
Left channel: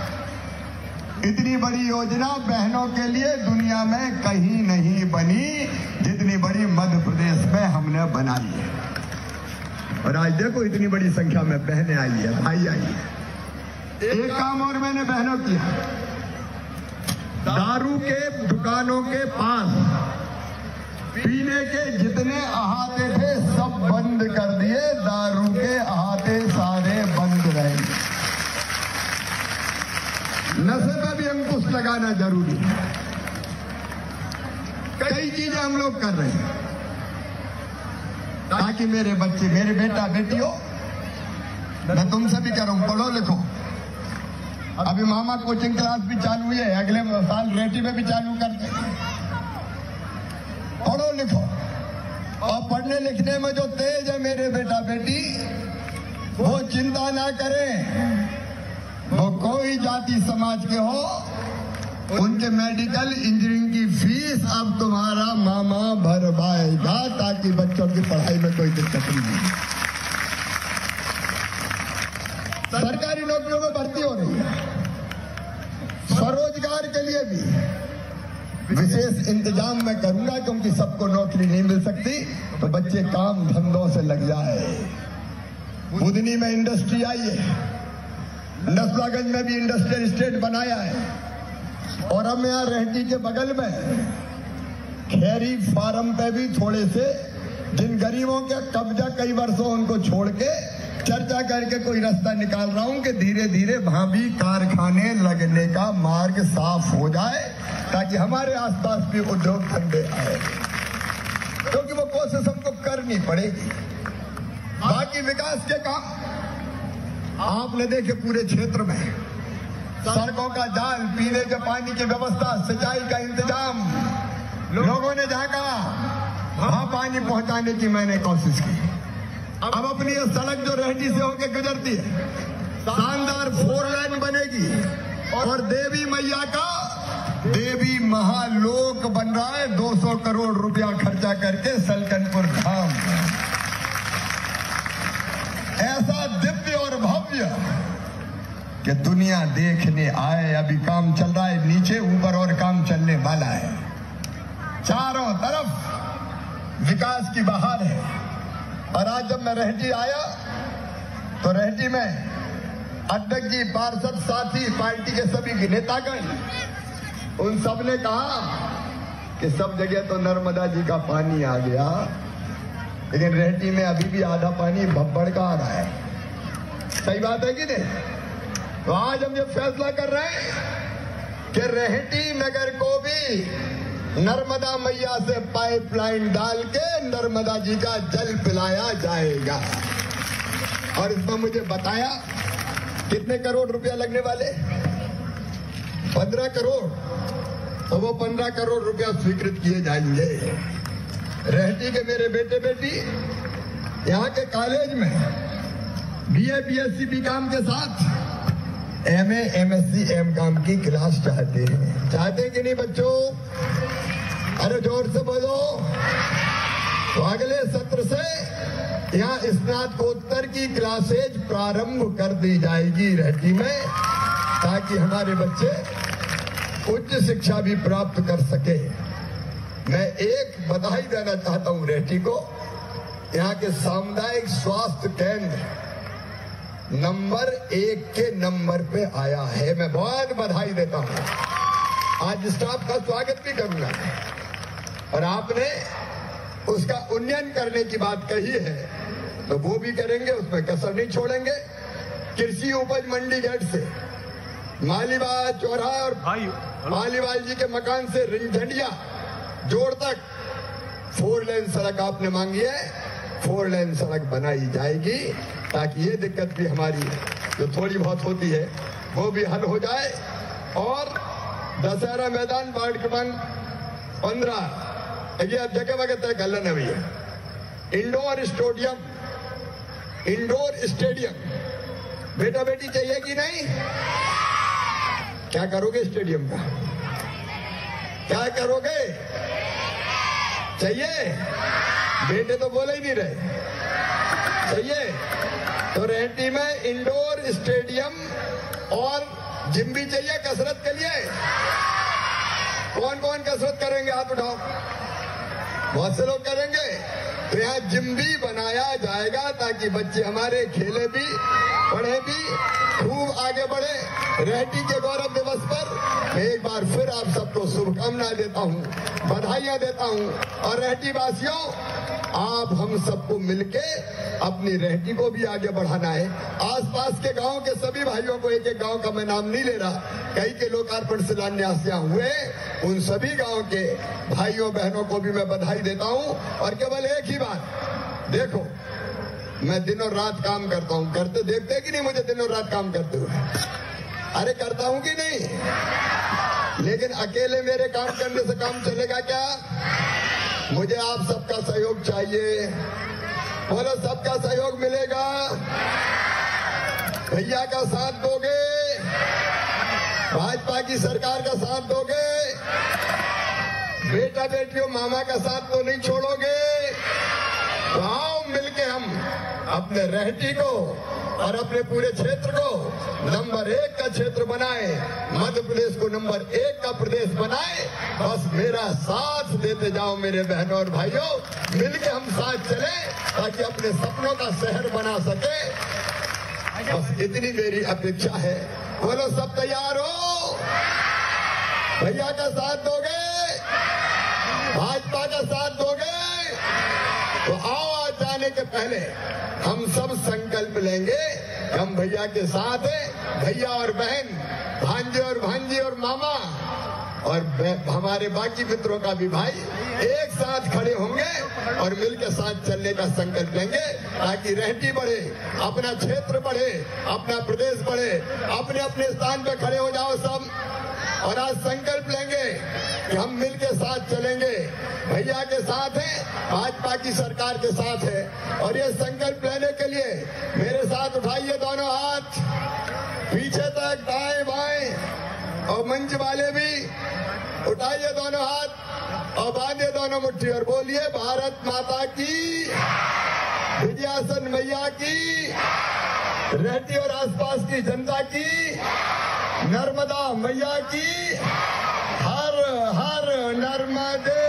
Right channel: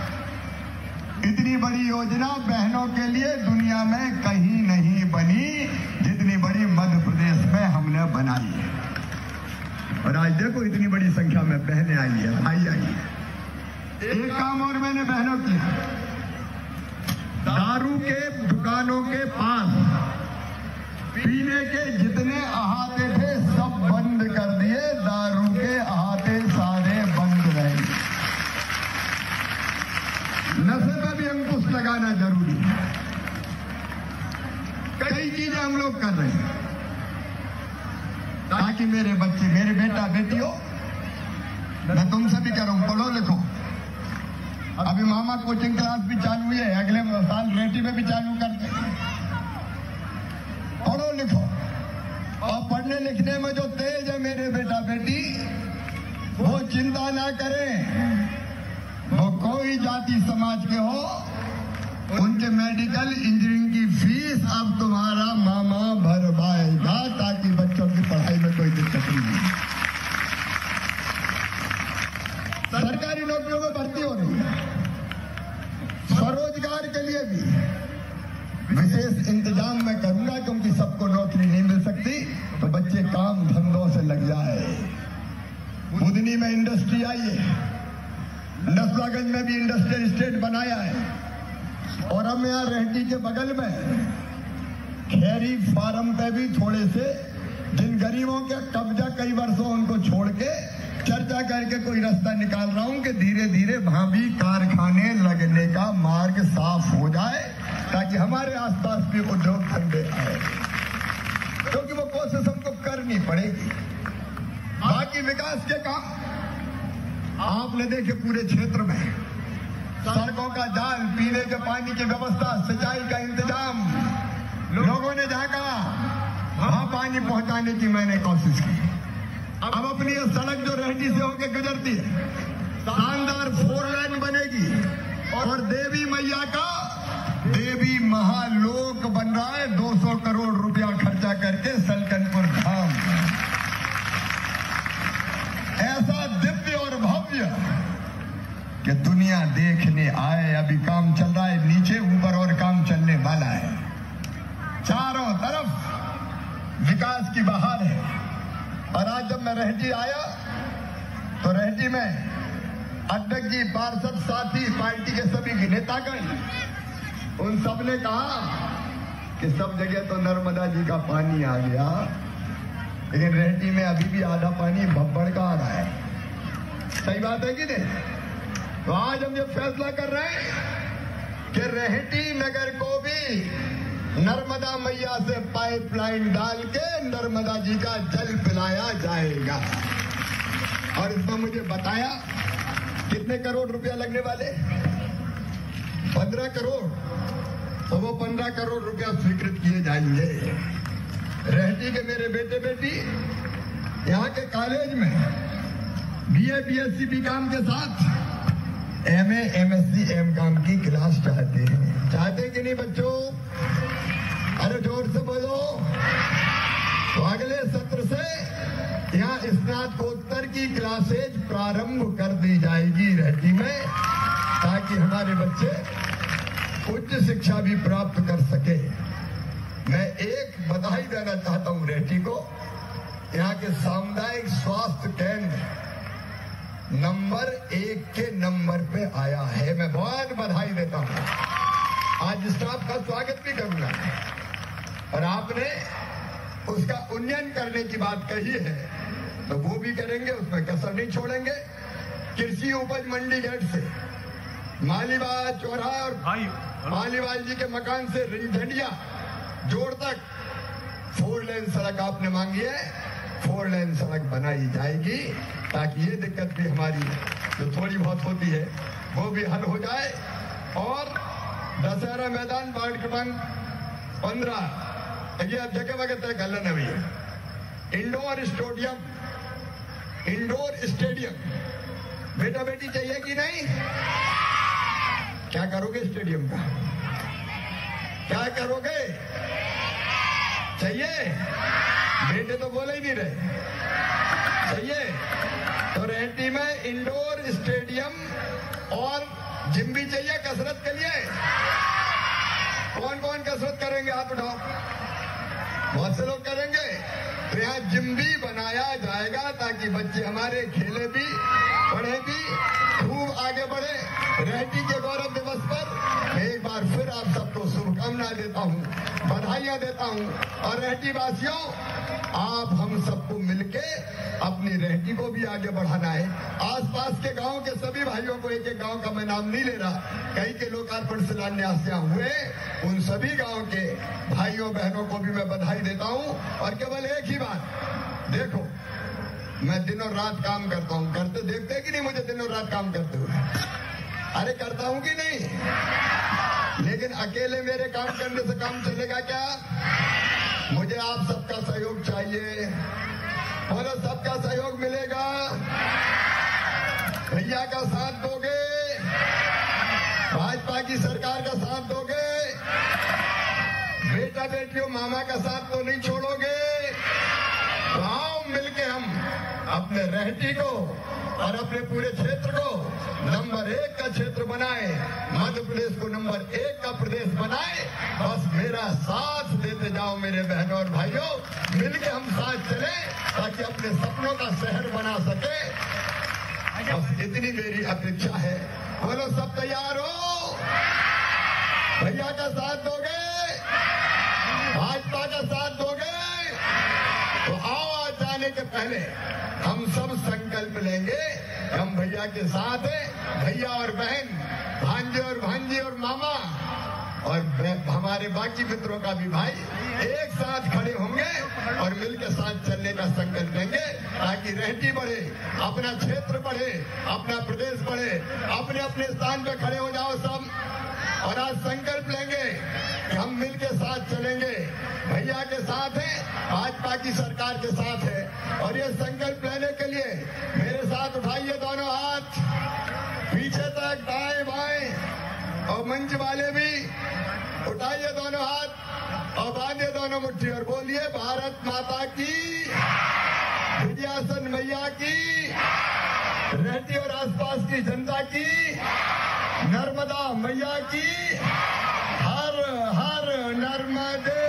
इतनी बड़ी योजना बहनों के लिए दुनिया में कहीं नहीं बनी जितनी बड़ी मध्य प्रदेश में हमने बनाई है। और आज देखो इतनी बड़ी संख्या में बहनें आई है, भाई आई है। एक काम और मैंने बहनों किया, दारू के दुकानों के पास पीने के जितने अहाते थे सब बंद कर दिए, दारू के अहाते सारे बंद रहे। नशे पर भी अंकुश लगाना जरूरी है। कई चीजें हम लोग कर रहे हैं ताकि मेरे बच्चे, मेरे बेटा बेटियों, मैं तुमसे भी कह रहा हूं, पढ़ो लिखो। अभी मामा कोचिंग क्लास भी चालू है, अगले साल रेटी में भी चालू कर दो। पढ़ो लिखो, और पढ़ने लिखने में जो तेज है मेरे बेटा बेटी, वो चिंता ना करें, वो कोई जाति समाज के हो, उनके मेडिकल इंजीनियरिंग की फीस अब तुम्हारा मामा भरवाएगा, ताकि बच्चों की पढ़ाई में कोई दिक्कत नहीं। सरकारी नौकरियों में भर्ती हो रही है, स्वरोजगार के लिए भी विशेष इंतजाम मैं करूंगा, क्योंकि सबको नौकरी नहीं मिल सकती, तो बच्चे काम धंधों से लग जाए। बुधनी में इंडस्ट्री आई है, नसलागंज में भी इंडस्ट्रियल स्टेट बनाया है और हम यहाँ रेहटी के बगल में खैरी फार्म पे भी थोड़े से जिन गरीबों का कब्जा कई वर्षों उनको छोड़ के चर्चा करके कोई रास्ता निकाल रहा हूं कि धीरे धीरे वहां भी कारखाने लगने का मार्ग साफ हो जाए ताकि हमारे आसपास भी उद्योग धंधे आए, क्योंकि वो कोशिश हमको करनी पड़ेगी। बाकी विकास के काम आपने देखे पूरे क्षेत्र में सड़कों का जाल, पीने के पानी की व्यवस्था, सिंचाई का इंतजाम, लोगों ने जहां कहा वहां पानी पहुंचाने की मैंने कोशिश की। अब अपनी ये सड़क जो रेहटी से होकर गुजरती है शानदार 4 लाइन बनेगी और देवी मैया का देवी महालोक बन रहा है 200 करोड़ रुपया खर्चा करके सल्टनपुर धाम। ऐसा दिव्य और भव्य कि दुनिया देखने आए। अभी काम चल रहा है नीचे, ऊपर और काम चलने वाला है। चारों तरफ विकास की बहार है। और आज जब मैं रेहटी आया तो रेहटी में अध्यक्ष जी, पार्षद साथी, पार्टी के सभी नेतागण, उन सब ने कहा कि सब जगह तो नर्मदा जी का पानी आ गया, लेकिन रेहटी में अभी भी आधा पानी भब्बड़ का आ रहा है। सही बात है कि नहीं? तो आज हम ये फैसला कर रहे हैं कि रेहटी नगर को भी नर्मदा मैया से पाइपलाइन डाल के नर्मदा जी का जल पिलाया जाएगा। और इसमें मुझे बताया कितने करोड़ रुपया लगने वाले? 15 करोड़। तो वो 15 करोड़ रुपया स्वीकृत किए जाएंगे। रेहटी के मेरे बेटे बेटी यहाँ के कॉलेज में BA BSc BCom के साथ MA MSc MCom की क्लास चाहते हैं कि नहीं बच्चों? अरे जोर से बोलो। तो अगले सत्र से यहाँ स्नातकोत्तर की क्लासेज प्रारंभ कर दी जाएगी रेहटी में, ताकि हमारे बच्चे उच्च शिक्षा भी प्राप्त कर सके। मैं एक बधाई देना चाहता हूँ रेहटी को। यहाँ के सामुदायिक स्वास्थ्य केंद्र नंबर 1 के नंबर पे आया है। मैं बहुत बधाई देता हूँ। आज स्टाफ का स्वागत भी करूंगा। और आपने उसका उन्नयन करने की बात कही है तो वो भी करेंगे, उसमें कसर नहीं छोड़ेंगे। कृषि उपज मंडी गेट से मालीवाल चौराहा और मालीवाल जी के मकान से रिंझंडिया जोड़ तक 4 लेन सड़क आपने मांगी है। 4 लेन सड़क बनाई जाएगी ताकि ये दिक्कत भी हमारी जो थोड़ी बहुत होती है वो भी हल हो जाए। और दशहरा मैदान वार्ड क्रमांक 15 अभी आप जगह वगैरह तय कर लेना भैया। इंडोर स्टेडियम बेटा बेटी चाहिए कि नहीं? क्या करोगे स्टेडियम का? क्या करोगे? चाहिए? बेटे तो बोले ही नहीं रहे। चाहिए? तो रेहटी में इंडोर स्टेडियम और जिम भी चाहिए कसरत के लिए। कौन कौन कसरत करेंगे? हाथ उठाओ। बहुत से लोग करेंगे। तो यहाँ जिम भी बनाया जाएगा ताकि बच्चे हमारे खेले भी, पढ़े भी, खूब आगे बढ़े। रेहटी के गौरव दिवस पर मैं एक बार फिर आप सबको शुभकामनाएं देता हूँ, बधाइयां देता हूँ। और रेहटी वासियों, आप हम सबको मिलके अपनी रेहटी को भी आगे बढ़ाना है। आसपास के गांव के सभी भाइयों को, एक एक गांव का मैं नाम नहीं ले रहा, कई के लोकार्पण शिलान्यास यहाँ हुए, उन सभी गांव के भाइयों बहनों को भी मैं बधाई देता हूँ। और केवल एक ही बात, देखो मैं दिन और रात काम करता हूँ, करते देखते कि नहीं मुझे दिन और रात काम करते हुए? अरे करता हूँ कि नहीं? लेकिन अकेले मेरे काम करने से काम चलेगा क्या? मुझे आप सबका सहयोग चाहिए। बोलो, सबका सहयोग मिलेगा? भैया का साथ दोगे? भाजपा की सरकार का साथ दोगे? बेटा बेटियों मामा का साथ तो नहीं छोड़ोगे? तो आओ मिलके हम अपने रेहटी को और अपने पूरे क्षेत्र को नंबर 1 का क्षेत्र बनाए, मध्य प्रदेश को नंबर 1 का प्रदेश बनाए। बस मेरा साथ देते जाओ मेरे बहनों और भाइयों, मिलके हम साथ चले ताकि अपने सपनों का शहर बना सके। बस इतनी मेरी अपेक्षा है। बोलो सब तैयार हो? भैया का साथ दोगे? भाजपा का साथ दोगे? तो आओ, आज जाने के पहले हम सब संकल्प लेंगे, हम भैया के साथ हैं। भैया और बहन, भांजे और भांजी और मामा और हमारे बाकी मित्रों का भी भाई एक साथ खड़े होंगे और मिलकर साथ चलने का संकल्प लेंगे, ताकि रहती बढ़े, अपना क्षेत्र बढ़े, अपना प्रदेश बढ़े। अपने अपने स्थान पर खड़े हो जाओ सब, और आज संकल्प लेंगे कि हम मिलकर साथ चलेंगे। भैया के साथ है, भाजपा की सरकार के साथ है। और ये संकल्प लेने के लिए मेरे साथ उठाइए दोनों हाथ पीछे तक, दाएं बाएं, और मंच वाले भी उठाइए दोनों हाथ और बांधे दोनों मुट्ठी और बोलिए भारत माता की, विजयासन मैया की, रहती और आसपास की जनता की, नर्मदा मैया की, हर हर नर्मदे।